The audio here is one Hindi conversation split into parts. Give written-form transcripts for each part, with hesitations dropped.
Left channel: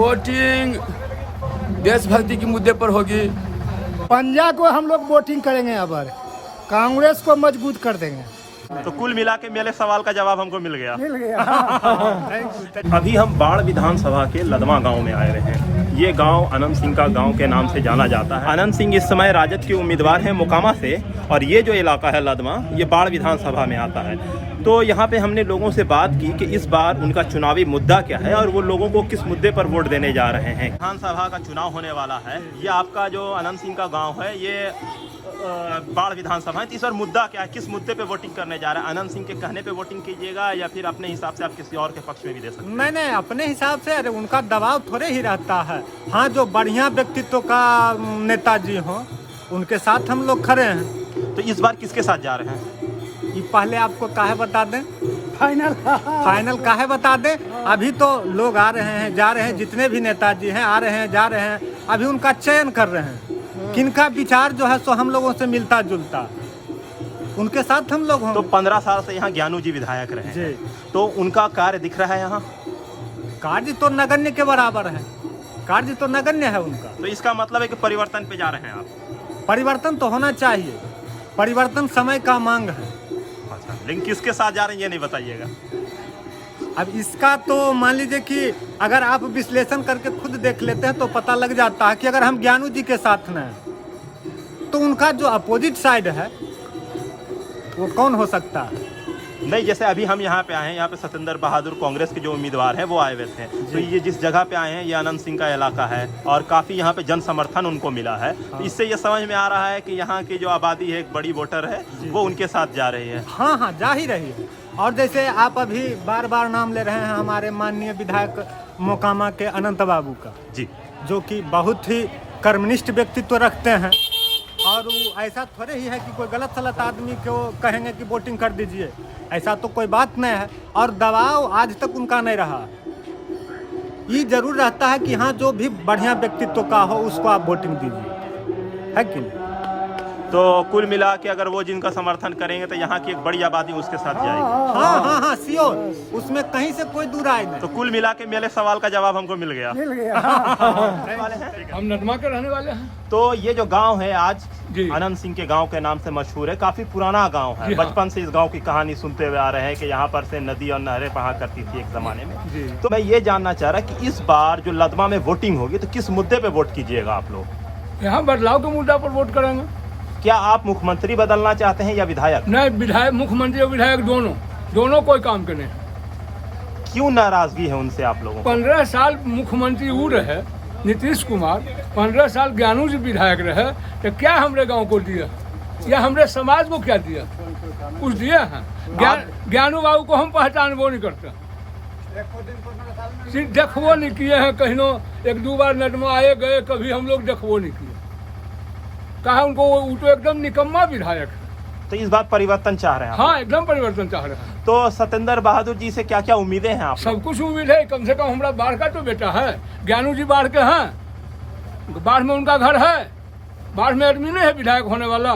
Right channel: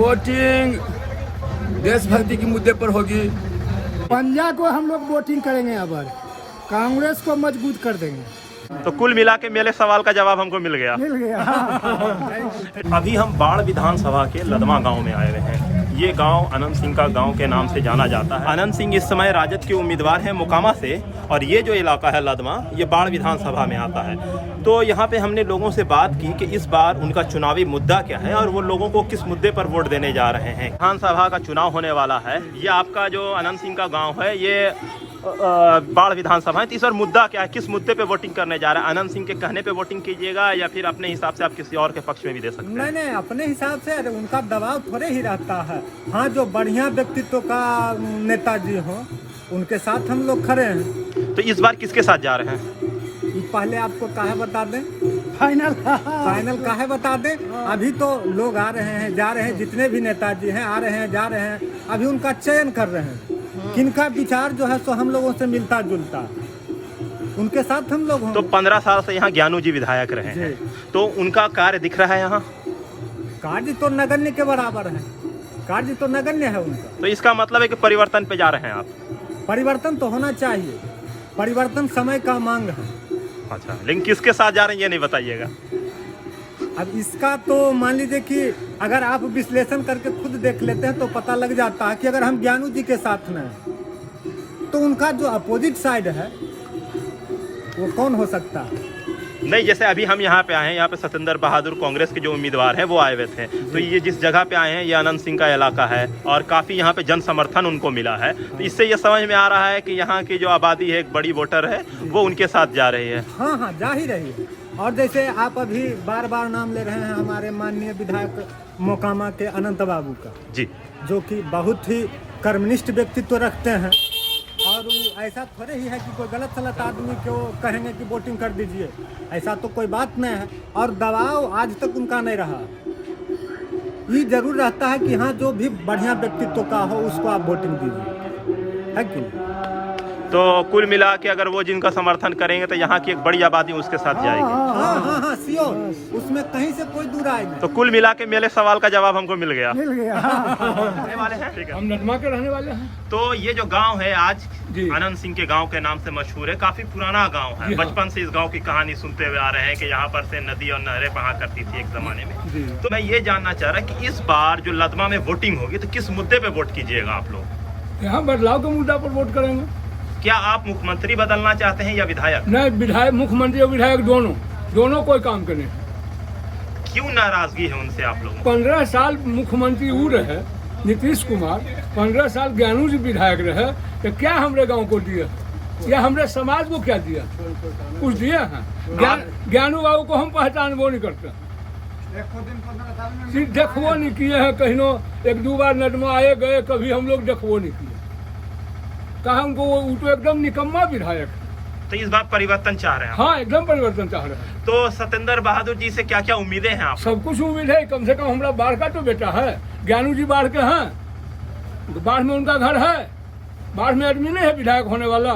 वोटिंग देशभक्ति के मुद्दे पर होगी। पंजा को हम लोग वोटिंग करेंगे, अब कांग्रेस को मजबूत कर देंगे। तो कुल मिला के मेरे सवाल का जवाब हमको मिल गया। अभी हम बाढ़ विधानसभा के लदमा गांव में आए हुए हैं। ये गांव अनंत सिंह का गांव के नाम से जाना जाता है। अनंत सिंह इस समय राजद के उम्मीदवार हैं मोकामा से, और ये जो इलाका है लदमा, ये बाढ़ विधानसभा में आता है। तो यहाँ पे हमने लोगों से बात की कि इस बार उनका चुनावी मुद्दा क्या है और वो लोगों को किस मुद्दे पर वोट देने जा रहे हैं। विधानसभा का चुनाव होने वाला है। ये आपका जो अनंत सिंह का गाँव है, ये बाढ़ विधानसभा है। तो इस बार मुद्दा क्या है, किस मुद्दे पे वोटिंग करने जा रहा है? अनंत सिंह के कहने पे वोटिंग कीजिएगा या फिर अपने हिसाब से आप किसी और के पक्ष में भी दे सकते हैं? नहीं, अपने हिसाब से। उनका दबाव थोड़े ही रहता है। हाँ, जो बढ़िया व्यक्तित्व का नेताजी हो उनके साथ हम लोग खड़े हैं। तो इस बार किसके साथ जा रहे हैं? ये पहले आपको काहे बता दें, फाइनल काहे बता दें। अभी तो लोग आ रहे हैं, जा रहे हैं, जितने भी नेताजी हैं आ रहे हैं, जा रहे हैं। अभी उनका चयन कर रहे हैं किनका विचार जो है सो हम लोगों से मिलता जुलता, उनके साथ हम लोग होंगे। तो 15 साल से यहाँ ज्ञानू जी विधायक रहे हैं, तो उनका कार्य दिख रहा है यहाँ? कार्य तो नगण्य के बराबर है, कार्य तो नगण्य है उनका। तो इसका मतलब है कि परिवर्तन पे जा रहे हैं आप? परिवर्तन तो होना चाहिए, परिवर्तन समय का मांग है। अच्छा, लेकिन किसके साथ जा रहे हैं ये नहीं बताइएगा। अब इसका तो मान लीजिए कि अगर आप विश्लेषण करके खुद देख लेते हैं तो पता लग जाता है कि अगर हम ज्ञानू जी के साथ न हैं तो उनका जो अपोजिट साइड है वो कौन हो सकता है? नहीं, जैसे अभी हम यहाँ पे आए हैं, यहाँ पे सतेंद्र बहादुर कांग्रेस के जो उम्मीदवार हैं वो आए हुए थे। तो ये जिस जगह पे आए हैं ये अनंत सिंह का इलाका है और काफ़ी यहाँ पे जन समर्थन उनको मिला है। तो इससे ये समझ में आ रहा है कि यहाँ की जो आबादी है, एक बड़ी वोटर है, वो उनके साथ जा रही है। हाँ, जा ही रही है। और जैसे आप अभी बार बार नाम ले रहे हैं हमारे माननीय विधायक मोकामा के अनंत बाबू का जी, जो कि बहुत ही कर्मनिष्ठ व्यक्तित्व रखते हैं। और वो ऐसा थोड़े ही है कि कोई गलत सलत आदमी को कहेंगे कि वोटिंग कर दीजिए, ऐसा तो कोई बात नहीं है। और दबाव आज तक उनका नहीं रहा। ये जरूर रहता है कि हाँ, जो भी बढ़िया व्यक्तित्व का हो उसको आप वोटिंग दीजिए, है कि नहीं? तो कुल मिला के अगर वो जिनका समर्थन करेंगे तो यहाँ की एक बड़ी आबादी उसके साथ जाएगी। हाँ, श्योर, उसमें कहीं से कोई दूर आए नहीं। तो कुल मिला के मेरे सवाल का जवाब हमको मिल गया। रहने वाले हैं, ठीक है। हम नदमा के रहने वाले हैं। तो ये जो गांव है आज अनंत सिंह के गांव के नाम से मशहूर है, काफी पुराना गांव है। बचपन से इस गांव की कहानी सुनते हुए आ रहे हैं कि यहाँ पर से नदी और नहरें बहा करती थी एक जमाने में। तो मैं ये जानना चाह रहा कि इस बार जो लदमा में वोटिंग होगी तो किस मुद्दे पे वोट कीजिएगा आप लोग? यहाँ बदलाव के मुद्दा पर वोट करेंगे। क्या आप मुख्यमंत्री बदलना चाहते हैं या विधायक? नहीं, विधायक, मुख्यमंत्री और विधायक दोनों कोई काम करे। क्यों नाराजगी है उनसे आप लोगों? 15 साल मुख्यमंत्री वो रहे नीतीश कुमार, 15 साल ज्ञानू जी विधायक रहे, तो क्या हमरे गांव को दिया या हमरे समाज को क्या दिया? कुछ दिया है? ज्ञानू बाबू को हम पहचानबो नहीं करते, देखबो नहीं किए हैं। कहीं एक दो बार नदमा आए गए, कभी हम लोग देखबो नहीं किए। कहा उनको वो तो एकदम निकम्मा विधायक है। तो इस बार परिवर्तन चाह रहे हैं? हाँ, एकदम परिवर्तन चाह रहे हैं। तो सतेंद्र बहादुर जी से क्या क्या उम्मीदें हैं आप? सब कुछ उम्मीद है। कम से कम हमारा बाढ़ का तो बेटा है, ज्ञानू जी बाढ़ के हैं, बाढ़ में उनका घर है, बाढ़ में आदमी नहीं है विधायक होने वाला।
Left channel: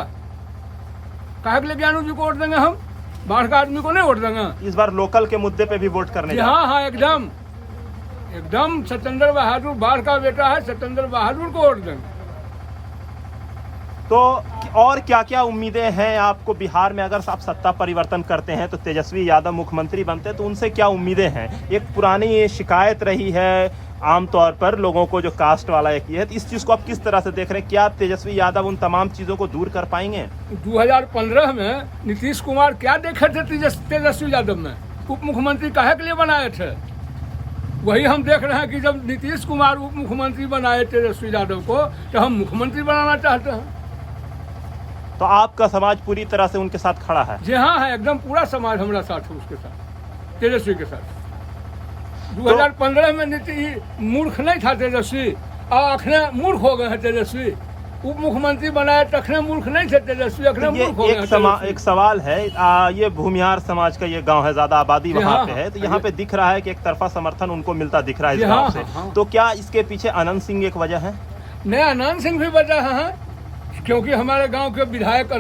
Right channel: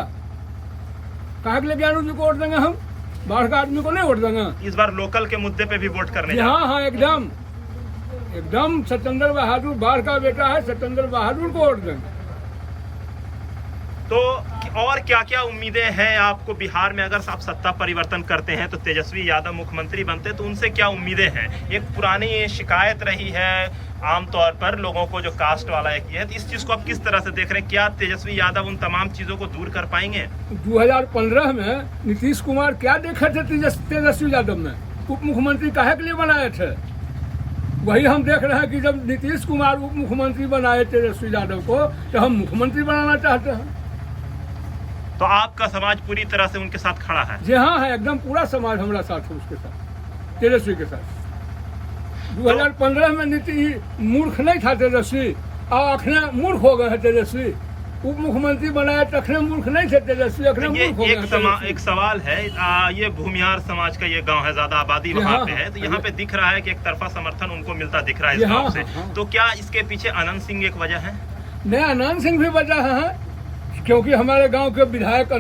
कहा के लिए ज्ञानू जी को वोट देंगे हम? बाढ़ का आदमी को नहीं वोट देंगे। इस बार लोकल के मुद्दे पे भी वोट करने? हाँ, एकदम सतेंद्र बहादुर बाढ़ का बेटा है, सतेंद्र बहादुर को वोट देंगे। तो और क्या क्या उम्मीदें हैं आपको बिहार में? अगर आप सत्ता परिवर्तन करते हैं तो तेजस्वी यादव मुख्यमंत्री बनते हैं, तो उनसे क्या उम्मीदें हैं? एक पुरानी ये शिकायत रही है आमतौर पर लोगों को, जो कास्ट वाला एक ये है, तो इस चीज को आप किस तरह से देख रहे हैं? क्या तेजस्वी यादव उन तमाम चीजों को दूर कर पाएंगे? 2015 में नीतीश कुमार क्या देखे थे तेजस्वी यादव में? उप मुख्यमंत्री काहे के लिए बनाए थे? वही हम देख रहे हैं कि जब नीतीश कुमार उप मुख्यमंत्री बनाए तेजस्वी यादव को, तो हम मुख्यमंत्री बनाना चाहते हैं। तो आपका समाज पूरी तरह से उनके साथ खड़ा है? जी हाँ, है, एकदम पूरा समाज हमारा साथ है उसके साथ, तेजस्वी के साथ। 2015 में नीति मूर्ख नहीं था तेजस्वी, और अखने मूर्ख हो गए हैं तेजस्वी। उप मुख्यमंत्री बनाए तखने मूर्ख नहीं थे तेजस्वी, अखने मूर्ख हो गए। एक सवाल है, ये भूमिहार समाज का ये गांव है, ज्यादा आबादी वहाँ पे है, तो यहाँ पे दिख रहा है कि एक तरफा समर्थन उनको मिलता दिख रहा है इस गाँव से। तो क्या इसके पीछे अनंत सिंह एक वजह है? नहीं, अनंत सिंह भी वजह है, क्योंकि हमारे गांव के विधायक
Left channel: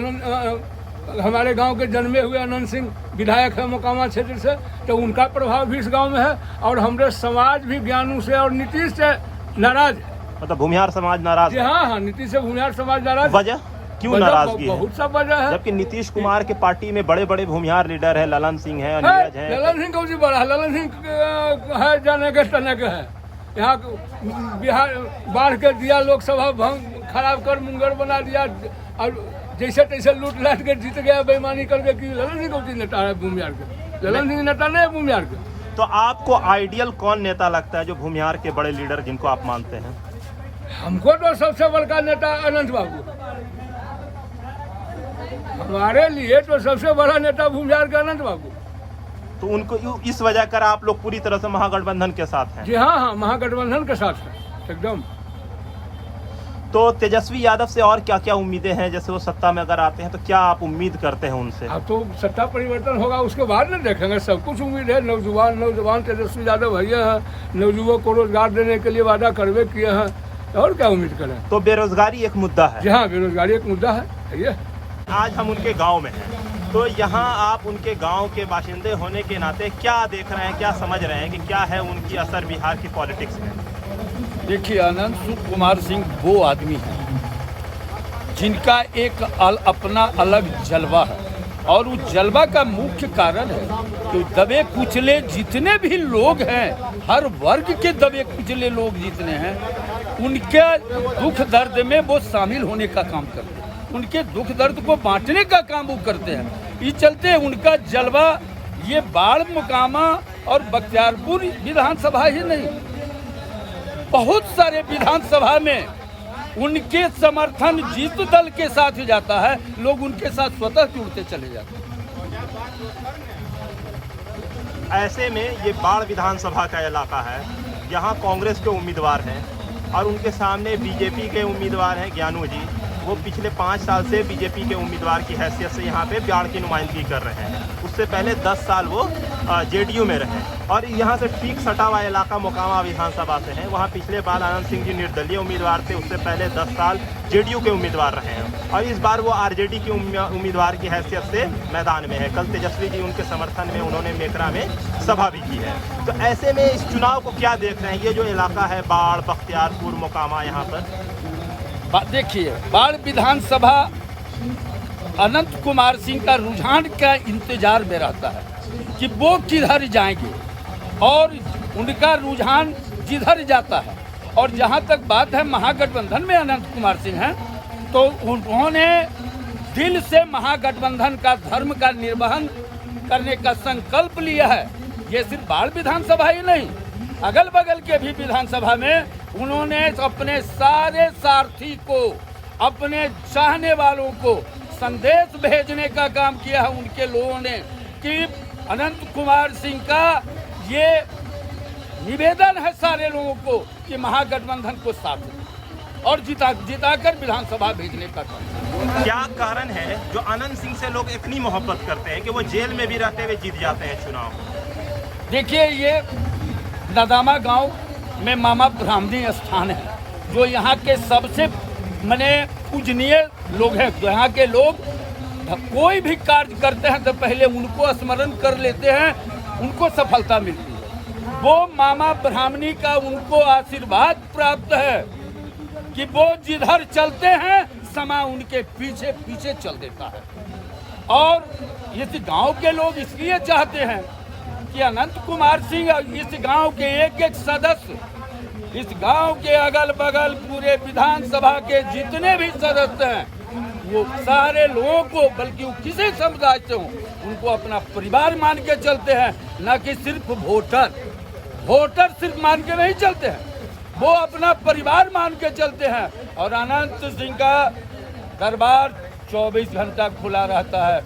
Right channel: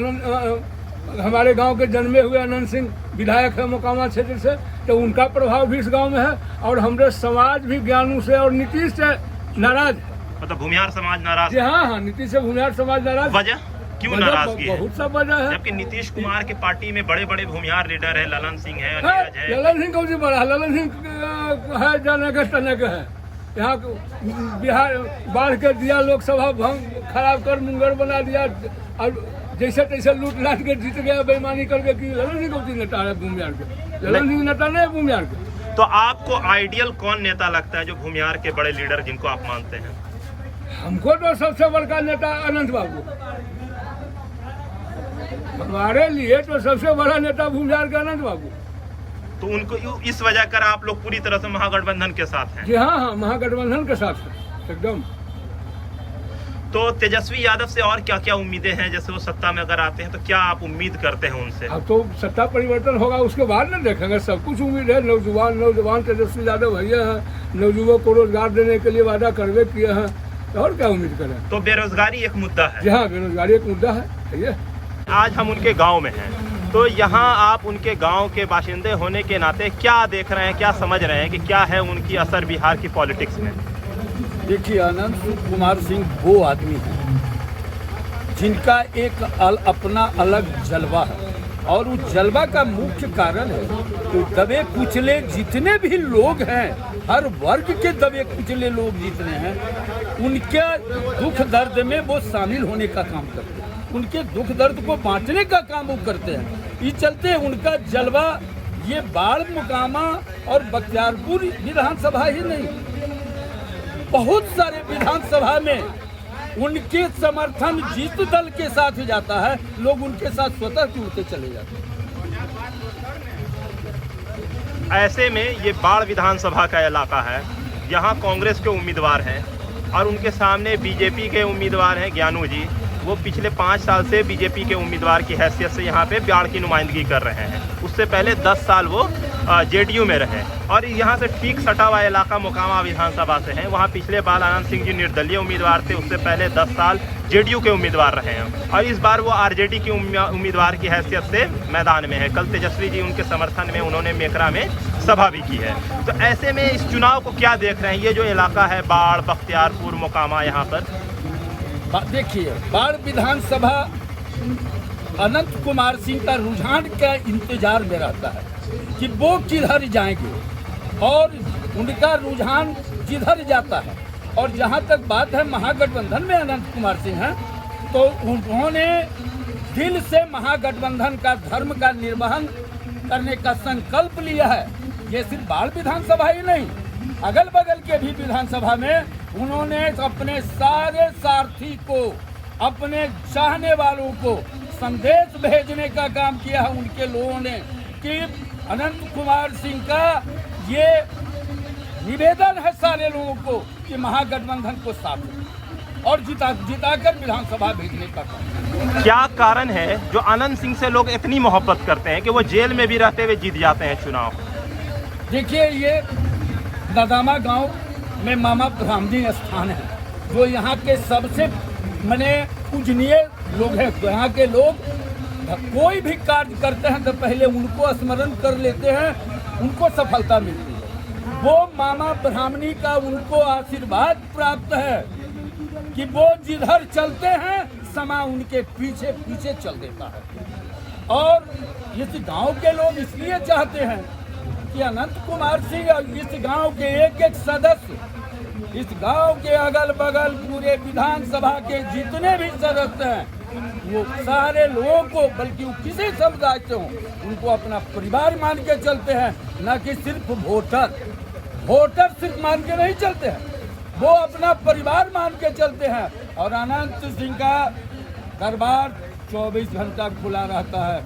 हमारे गांव के जन्मे हुए अनंत सिंह विधायक है मोकामा क्षेत्र से, तो उनका प्रभाव भी इस गांव में है। और हमारे समाज भी ज्ञानू से और नीतीश से नाराज है। मतलब भूमिहार समाज नाराज जी हाँ, नीतीश से भूमिहार समाज नाराज। वजह क्यों नाराजगी है? बहुत सब वजह है। जबकि नीतीश कुमार के पार्टी में बड़े बड़े भूमिहार लीडर है, ललन सिंह है, नीरज है। ललन सिंह कौन सी बड़ा है? ललन सिंह है जाने के तने के है। यहाँ बिहार बाढ़ के दिया, लोकसभा भंग खराब कर मुंगेर बना दिया, और जैसे तैसे लूट लाट के जीत गया बेईमानी करके। कि ललन सिंह कौन सी नेता है भूमिहार के? ललन सिंह नेता नहीं है भूमिहार के। तो आपको आइडियल कौन नेता लगता है जो भूमिहार के बड़े लीडर जिनको आप मानते हैं? हमको तो सबसे बड़का नेता अनंत बाबू, हमारे लिए तो सबसे बड़ा नेता भूमिहार के अनंत बाबू। तो उनको इस वजह कर आप लोग पूरी तरह से महागठबंधन के साथ हैं? जी हाँ हाँ, महागठबंधन के साथ है एकदम। तो तेजस्वी यादव से और क्या क्या उम्मीदें हैं? जैसे वो सत्ता में अगर आते हैं तो क्या आप उम्मीद करते हैं उनसे? अब तो सत्ता परिवर्तन होगा उसके बाद ना देखेंगे, सब कुछ उम्मीद है। नौजवान तेजस्वी यादव भैया हैं, नौजुवों को रोजगार देने के लिए वादा करवे किए हैं, और क्या उम्मीद करें। तो बेरोजगारी एक मुद्दा है? जी हाँ, बेरोजगारी एक मुद्दा है। आज हम उनके गांव में हैं, तो यहाँ आप उनके गांव के बाशिंदे होने के नाते क्या देख रहे हैं, क्या समझ रहे हैं कि क्या है उनकी असर बिहार की पॉलिटिक्स में? देखिए, अनंत कुमार सिंह वो आदमी हैं जिनका एक अपना अलग जलवा है, और उस जलवा का मुख्य कारण है तो दबे कुचले जितने भी लोग हैं, हर वर्ग के दबे कुचले लोग जितने हैं, उनके दुख दर्द में वो शामिल होने का काम करते हैं, उनके दुख दर्द को बांटने का काम वो करते हैं। इस चलते उनका जलवा ये बाढ़, मोकामा और बख्तियारपुर विधानसभा ही नहीं, बहुत सारे विधानसभा में उनके समर्थन जिस दल के साथ जाता है, लोग उनके साथ स्वतः जुड़ते चले जाते हैं। ऐसे में ये बाढ़ विधानसभा का इलाका है, यहाँ कांग्रेस के उम्मीदवार हैं और उनके सामने बीजेपी के उम्मीदवार हैं ज्ञानू जी। वो पिछले 5 साल से बीजेपी के उम्मीदवार की हैसियत से यहाँ पे बाढ़ की नुमाइंदगी कर रहे हैं। उससे पहले 10 साल वो जेडीयू में रहे, और यहाँ से ठीक सटा हुआ इलाका मोकामा विधानसभा से है। वहाँ पिछले बार आनंद सिंह जी निर्दलीय उम्मीदवार थे, उससे पहले 10 साल जेडीयू के उम्मीदवार रहे हैं, और इस बार वो आरजेडी की उम्मीदवार की हैसियत से मैदान में है। कल तेजस्वी जी उनके समर्थन में उन्होंने मेकरा में सभा भी की है। तो ऐसे में इस चुनाव को क्या देख रहे हैं? ये जो इलाका है बाढ़, बख्तियारपुर, मोकामा, यहाँ पर देखिए, बाढ़ विधानसभा अनंत कुमार सिंह का रुझान का इंतजार में रहता है कि वो किधर जाएंगे, और उनका रुझान जिधर जाता है। और जहां तक बात है महागठबंधन में अनंत कुमार सिंह हैं, तो उन्होंने दिल से महागठबंधन का धर्म का निर्वहन करने का संकल्प लिया है। ये सिर्फ बाढ़ विधानसभा ही नहीं, अगल बगल के भी विधानसभा में उन्होंने अपने सारे सारथी को, अपने चाहने वालों को संदेश भेजने का काम किया है उनके लोगों ने, कि अनंत कुमार सिंह का ये निवेदन है सारे लोगों को कि महागठबंधन को साथ दें और जिताकर विधानसभा भेजने का काम। क्या कारण है जो अनंत सिंह से लोग इतनी मोहब्बत करते हैं कि वो जेल में भी रहते हुए जीत जाते हैं चुनाव? देखिए, ये नदामा गांव में मामा ब्राह्मणी स्थान है, जो यहाँ के सबसे पूजनीय लोग हैं। यहाँ के लोग कोई भी कार्य करते हैं तो पहले उनको स्मरण कर लेते हैं, उनको सफलता मिलती है। वो मामा ब्राह्मणी का उनको आशीर्वाद प्राप्त है कि वो जिधर चलते हैं समा उनके पीछे पीछे चल देता है। और इस गांव के लोग इसलिए चाहते हैं कि अनंत कुमार सिंह इस गांव के एक एक सदस्य, इस गांव के अगल बगल पूरे विधानसभा के जितने भी सदस्य हैं, वो सारे लोगों को, बल्कि वो किसी समुदाय से हो, उनको अपना परिवार मान के चलते हैं, न कि सिर्फ वोटर सिर्फ मान के नहीं चलते हैं, वो अपना परिवार मान के चलते हैं। और अनंत सिंह का दरबार 24 घंटा खुला रहता है।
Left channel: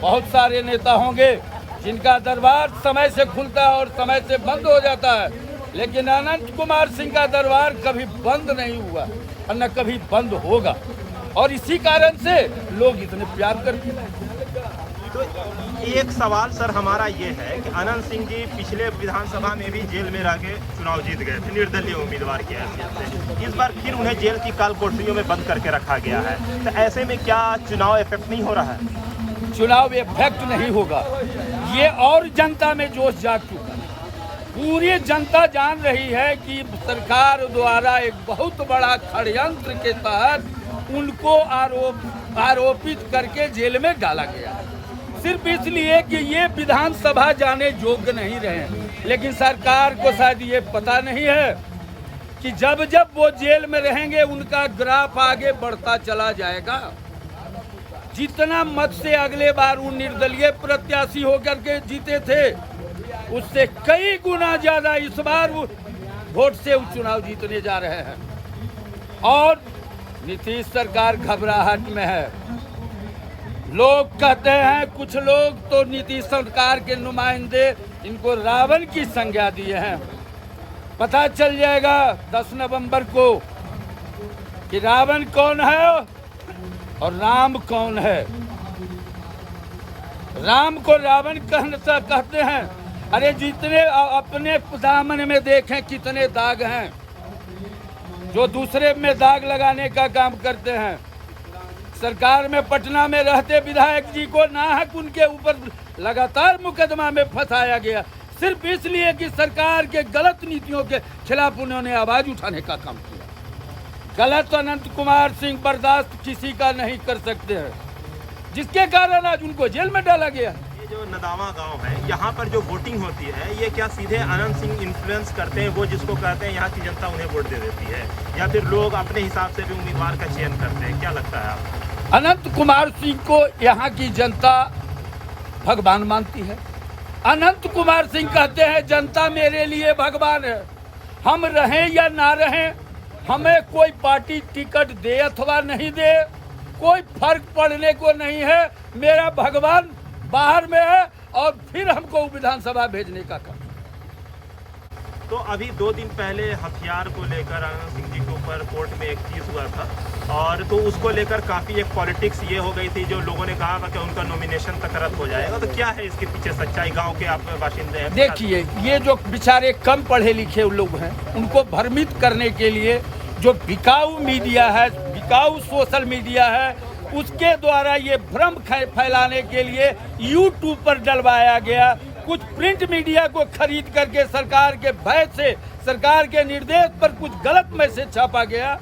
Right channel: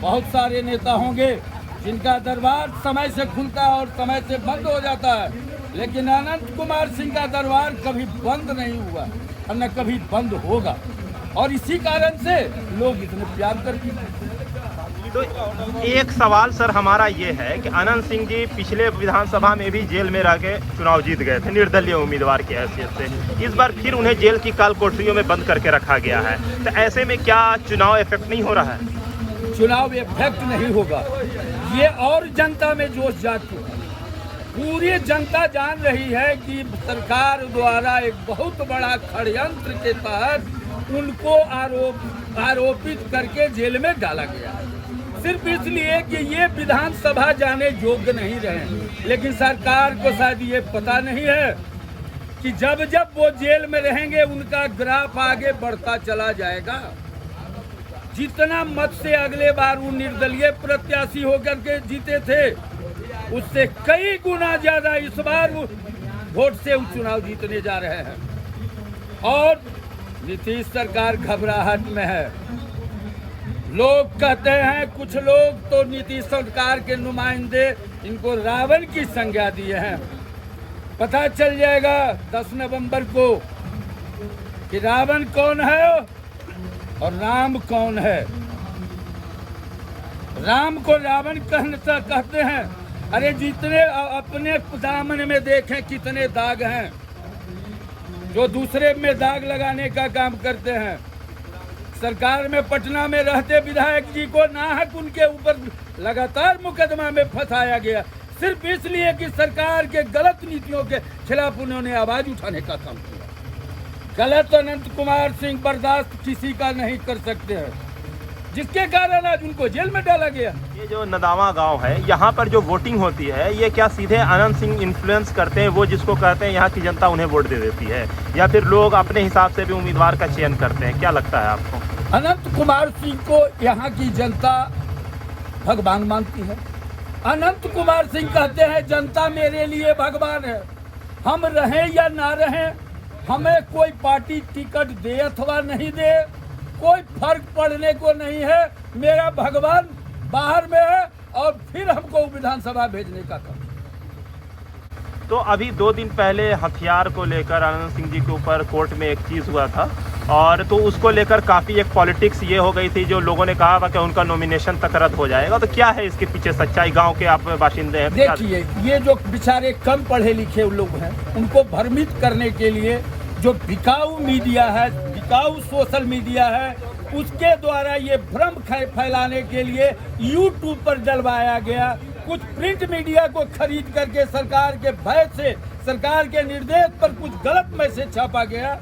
बहुत सारे नेता होंगे जिनका दरबार समय से खुलता है और समय से बंद हो जाता है, लेकिन अनंत कुमार सिंह का दरबार कभी बंद नहीं हुआ और न कभी बंद होगा, और इसी कारण से लोग इतने प्यार करते हैं। तो एक सवाल सर हमारा ये है कि अनंत सिंह जी पिछले विधानसभा में भी जेल में रह के चुनाव जीत गए थे निर्दलीय उम्मीदवार की हैसियत से। इस बार फिर उन्हें जेल की काल कोठरियों में बंद करके रखा गया है, तो ऐसे में क्या चुनाव इफेक्ट नहीं हो रहा है? चुनाव इफेक्ट नहीं होगा। ये और जनता में जोश जाग चुका है। पूरी जनता जान रही है कि सरकार द्वारा एक बहुत बड़ा षड्यंत्र के तहत उनको आरोपित करके जेल में डाला गया है, सिर्फ इसलिए कि ये विधानसभा जाने योग्य नहीं रहे। लेकिन सरकार को शायद ये पता नहीं है कि जब जब वो जेल में रहेंगे उनका ग्राफ आगे बढ़ता चला जाएगा। जितना मत से अगले बार वो निर्दलीय प्रत्याशी होकर के जीते थे, उससे कई गुना ज्यादा इस बार वो वोट से वो चुनाव जीतने जा रहे हैं। और नीतीश सरकार घबराहट में है। लोग कहते हैं, कुछ लोग तो नीतीश सरकार के नुमाइंदे इनको रावण की संज्ञा दिए हैं। पता चल जाएगा 10 नवंबर को कि रावण कौन है और राम कौन है। राम को रावण कहते हैं। अरे जितने अपने दामन में देखें कितने दाग हैं जो दूसरे में दाग लगाने का काम करते हैं। सरकार में पटना में रहते विधायक जी को नाहक उनके ऊपर लगातार मुकदमा में फंसाया गया, सिर्फ इसलिए कि सरकार के गलत नीतियों के खिलाफ उन्होंने आवाज उठाने का काम किया। गलत अनंत कुमार सिंह बर्दाश्त किसी का नहीं कर सकते हैं, जिसके कारण आज उनको जेल में डाला गया। ये जो नदावा गांव है, यहाँ पर जो वोटिंग होती है, ये क्या सीधे अनंत सिंह इन्फ्लुएंस करते हैं? वो जिसको कहते हैं यहाँ की जनता उन्हें वोट दे देती है, या फिर लोग अपने हिसाब से भी उम्मीदवार का चयन करते हैं? क्या लगता है आपको? अनंत कुमार सिंह को यहाँ की जनता भगवान मानती है। अनंत कुमार सिंह कहते हैं जनता मेरे लिए भगवान है, हम रहें या ना रहें, हमें कोई पार्टी टिकट दे अथवा नहीं दे, कोई फर्क पड़ने को नहीं है। मेरा भगवान बाहर में है और फिर हमको विधानसभा भेजने का काम। तो अभी 2 दिन पहले हथियार को लेकर अनंत सिंह जी के ऊपर कोर्ट में एक चीज हुआ था, और तो उसको लेकर काफी एक पॉलिटिक्स ये हो गई थी, जो लोगों ने कहा कि उनका नॉमिनेशन तक रद्द हो जाएगा। तो क्या है इसके पीछे सच्चाई? गांव के आप बाशिंदे हैं। देखिए, ये जो बेचारे कम पढ़े लिखे लोग हैं, उनको भ्रमित करने के लिए जो बिकाऊ मीडिया है, बिकाऊ सोशल मीडिया है, उसके द्वारा ये भ्रम फैलाने के लिए यूट्यूब पर डलवाया गया। कुछ प्रिंट मीडिया को खरीद करके सरकार के भय से, सरकार के निर्देश पर कुछ गलत मैसेज छापा गया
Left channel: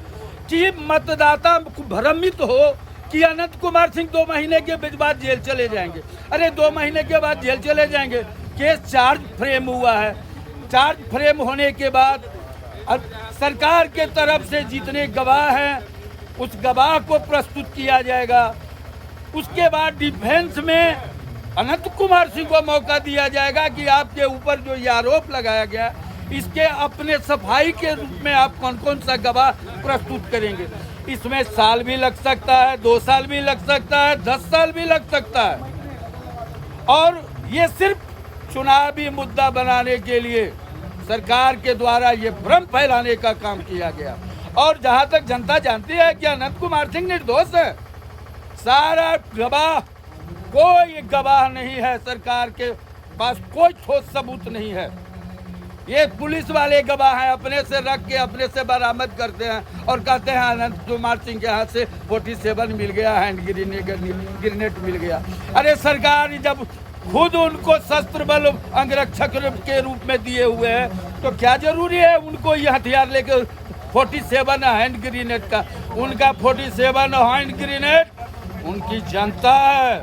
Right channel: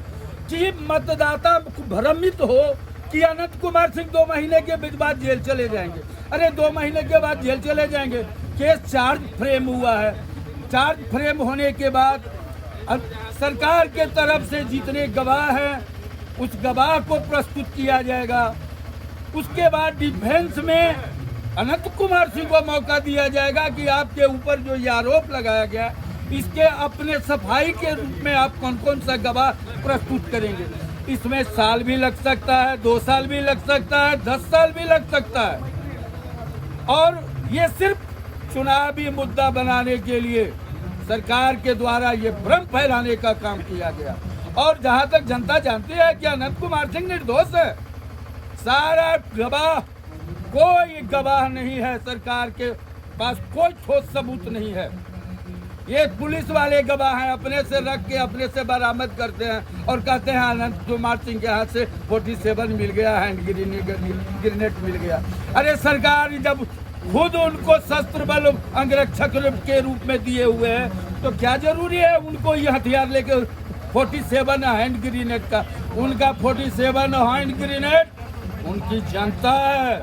कि मतदाता भ्रमित हो कि अनंत कुमार सिंह 2 महीने के बाद जेल चले जाएंगे। अरे 2 महीने के बाद जेल चले जाएंगे? केस चार्ज फ्रेम हुआ है। चार्ज फ्रेम होने के बाद सरकार के तरफ से जितने गवाह हैं, उस गवाह को प्रस्तुत किया जाएगा। उसके बाद डिफेंस में अनंत कुमार सिंह को मौका दिया जाएगा कि आपके ऊपर जो ये आरोप लगाया गया, इसके अपने सफाई के रूप में आप कौन कौन सा गवाह प्रस्तुत करेंगे। इसमें साल भी लग सकता है, 2 साल भी लग सकता है, 10 साल भी लग सकता है। और ये सिर्फ चुनावी मुद्दा बनाने के लिए सरकार के द्वारा ये भ्रम फैलाने का काम किया गया। और जहां तक जनता जानती है कि अनंत कुमार सिंह निर्दोष है, सारा गवाह, कोई गवाह नहीं है, सरकार के पास कोई ठोस सबूत नहीं है। ये पुलिस वाले गवाह हैं, अपने से रख के अपने से बरामद करते हैं और कहते हैं अनंत कुमार सिंह के हाथ से 47 मिल गया, हैंड ग्रेनेड मिल गया। अरे सरकार जब खुद उनको शस्त्र बल अंगरक्षक के रूप में दिए हुए हैं, तो क्या जरूरी है उनको ये हथियार लेके 47 हैंड ग्रेनेड का? उनका 47 हैंड ग्रेनेड उनकी जनता है,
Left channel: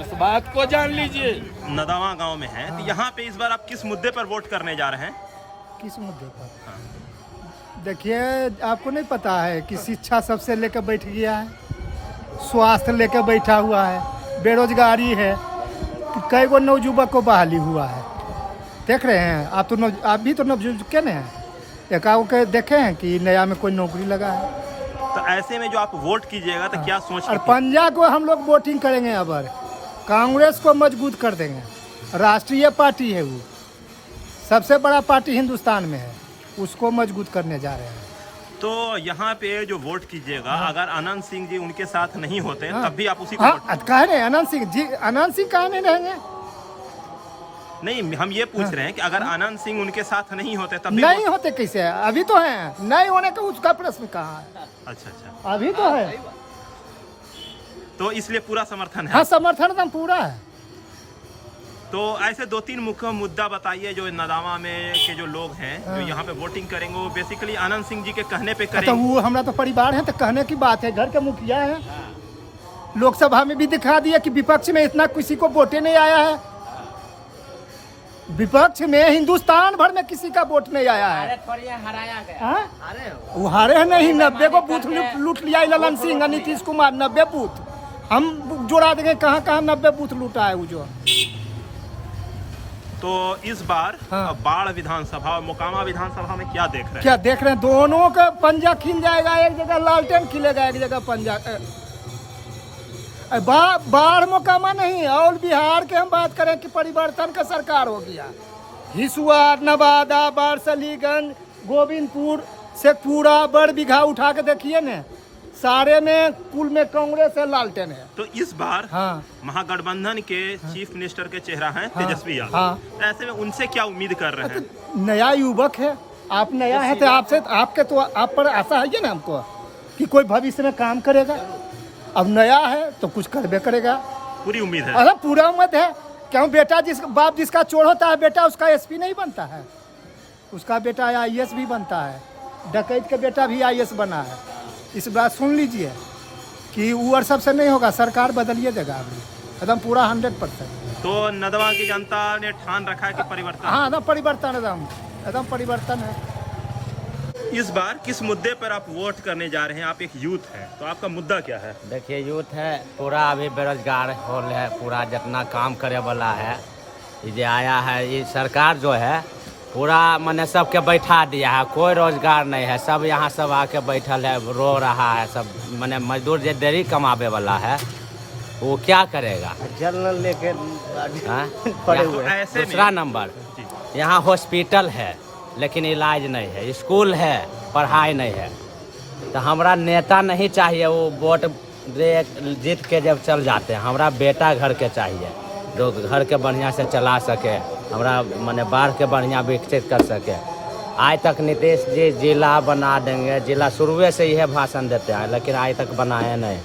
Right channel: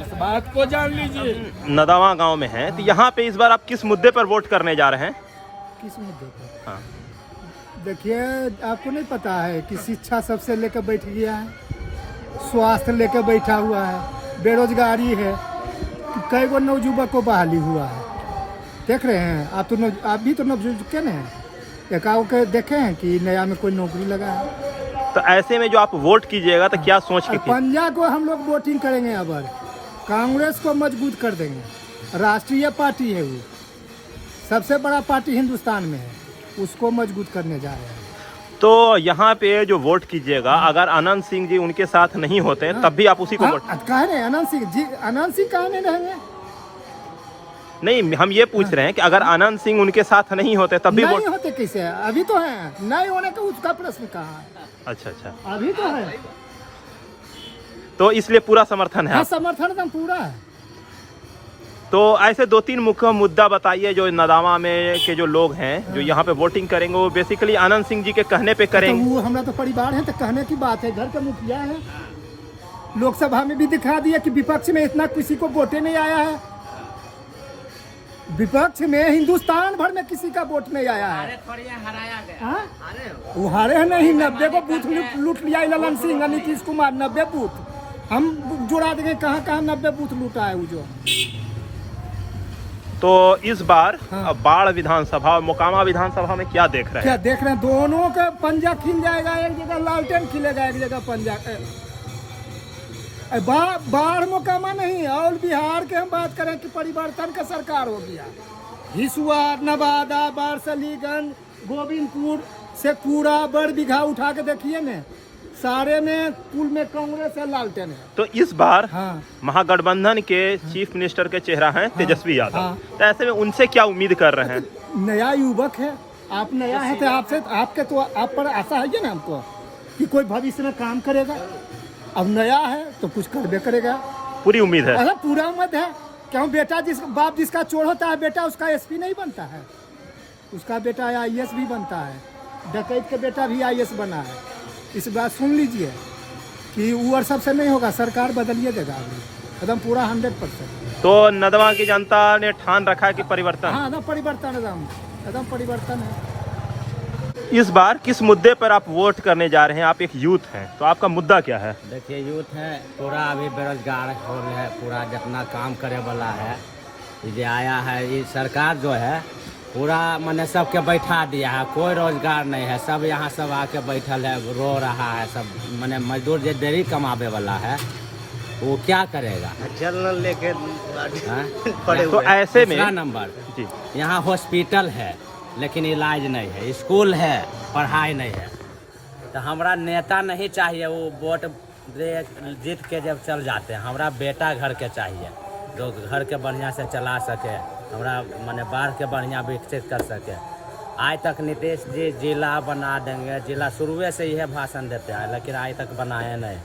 इस बात को जान लीजिए। नदावा गांव में है, तो यहाँ पे इस बार आप किस मुद्दे पर वोट करने जा रहे हैं? किस मुद्दे पर? हाँ। देखिए, आपको नहीं पता है कि शिक्षा सबसे लेकर बैठ गया है, स्वास्थ्य लेकर बैठा हुआ है, बेरोजगारी है, कई गो नवयुवक को बहाली हुआ है। देख रहे हैं आप, तो आप भी तो नवयुवक के हैं, एकाओ के देखे हैं कि नया में कोई नौकरी लगा है। तो ऐसे में जो आप वोट कीजिएगा तो क्या सोच के? पंजा को हम लोग वोटिंग करेंगे, अब कांग्रेस को मजबूत कर देंगे। राष्ट्रीय पार्टी है, वो सबसे बड़ा पार्टी हिंदुस्तान में है, उसको मजबूत करने जा रहे हैं। तो यहाँ पे जो वोट कीजिएगा, अगर अनंत सिंह जी उनके साथ नहीं होते तब भी आप उसी को वोट? कह रहे हैं अनंत सिंह जी, अनंत सिंह कहाँ नहीं रहेंगे? नहीं, हम ये पूछ रहे हैं कि अगर अनंत सिंह उनके साथ नहीं होते तब भी नहीं होते कैसे? अभी तो हैं, नहीं होने का उसका प्रश्न कहाँ है? अच्छा, अभी तो है। तो इसलिए पूरा समर्थन है। हाँ, समर्थन एकदम पूरा है। तो ऐसे 2-3 मुख्य मुद्दा बताइए जो नदामा में के जो लोग हैं जो यहाँ पे वोटिंग करेंगे वो बेसिकली आनंद सिंह जी के कहने पे तो करेंगे। वो हमारा तो परिवार है, तो कहने की बात है, घर के मुखिया है। लोकसभा में भी दिखा दिया कि विपक्ष में इतना किसी को वोटे नहीं आया है। विपक्ष में हिंदुस्तान भर में किसी का वोट नहीं आया है। हाँ? वो हारे हैं नहीं, 90 को बूथ लूट लिया ललन सिंह और नीतीश कुमार। 90 बूथ हम जोड़ा देंगे, कहाँ कहाँ 90 बूथ लूटा है वो जो। तो इस बार हाँ। बाढ़ विधानसभा और मोकामा विधानसभा में क्या देख रहे क्या हैं? देख रहे हैं, दोनों का पंजा खिल जाएगा। एक जगह लालटेन खिलेगा, एक जगह पंजा। बाढ़ मोकामा नहीं, और बिहार के हम बात करें कि परिवर्तन का सरकार हो गया। हिसुआ, नवादा, बारसलीगंज, गोविंदपुर से पूरा बड़ बिघा उठा के देखिए न, सारे में कुल में कांग्रेस है, लालटेन है। तो इस बार हाँ, महागठबंधन के चीफ मिनिस्टर के चेहरा हैं तेजस्वी यादव। हाँ। तो ऐसे में उनसे क्या उम्मीद कर रहे हैं? नया युवक है, आप नया है तो आपसे आपके तो आप पर आशा है ना हमको कि कोई भविष्य में काम करेगा। अब नया है तो कुछ करबे करेगा, पूरी उम्मीद है। अरे पूरा उम्मीद है। क्यों बेटा बाप जिसका चोर होता है, बेटा उसका एसपी नहीं बनता है, उसका बेटा आईएएस भी बनता है। डकैत का बेटा भी आईएएस बना है। इस बात सुन लीजिए कि वो और सबसे नहीं होगा, सरकार बदलिए देगा अभी एकदम पूरा 100%। तो नदवा की जनता ने ठान रखा है कि परिवर्तन। हाँ, एकदम परिवर्तन, एकदम परिवर्तन है। इस बार किस मुद्दे पर आप वोट करने जा रहे हैं? आप एक यूथ हैं, तो आपका मुद्दा क्या है? देखिए, यूथ है पूरा अभी बेरोजगार होल है, पूरा जितना काम करे वाला है ये जो आया है, ये सरकार जो है पूरा मैंने सबके बैठा दिया है। कोई रोजगार नहीं है, सब यहाँ सब आके बैठल है, रो रहा है सब। मैंने मजदूर जो देरी कमावे वाला है वो क्या करेगा? जनरल लेके तो ऐसे में दूसरा नंबर, जी, यहाँ हॉस्पिटल है लेकिन इलाज नहीं है, स्कूल है, पढ़ाई नहीं है। तो हमारा नेता नहीं चाहिए वो वोट जीत के जब चल जाते हैं। हमारा बेटा घर के चाहिए जो घर के बढ़िया से चला सके, हमारा माने बाढ़ के बढ़िया विकसित कर सके। आज तक नीतीश जी जिला बना देंगे, जिला शुरुए से यह भाषण देते हैं लेकिन आज तक बनाए नहीं।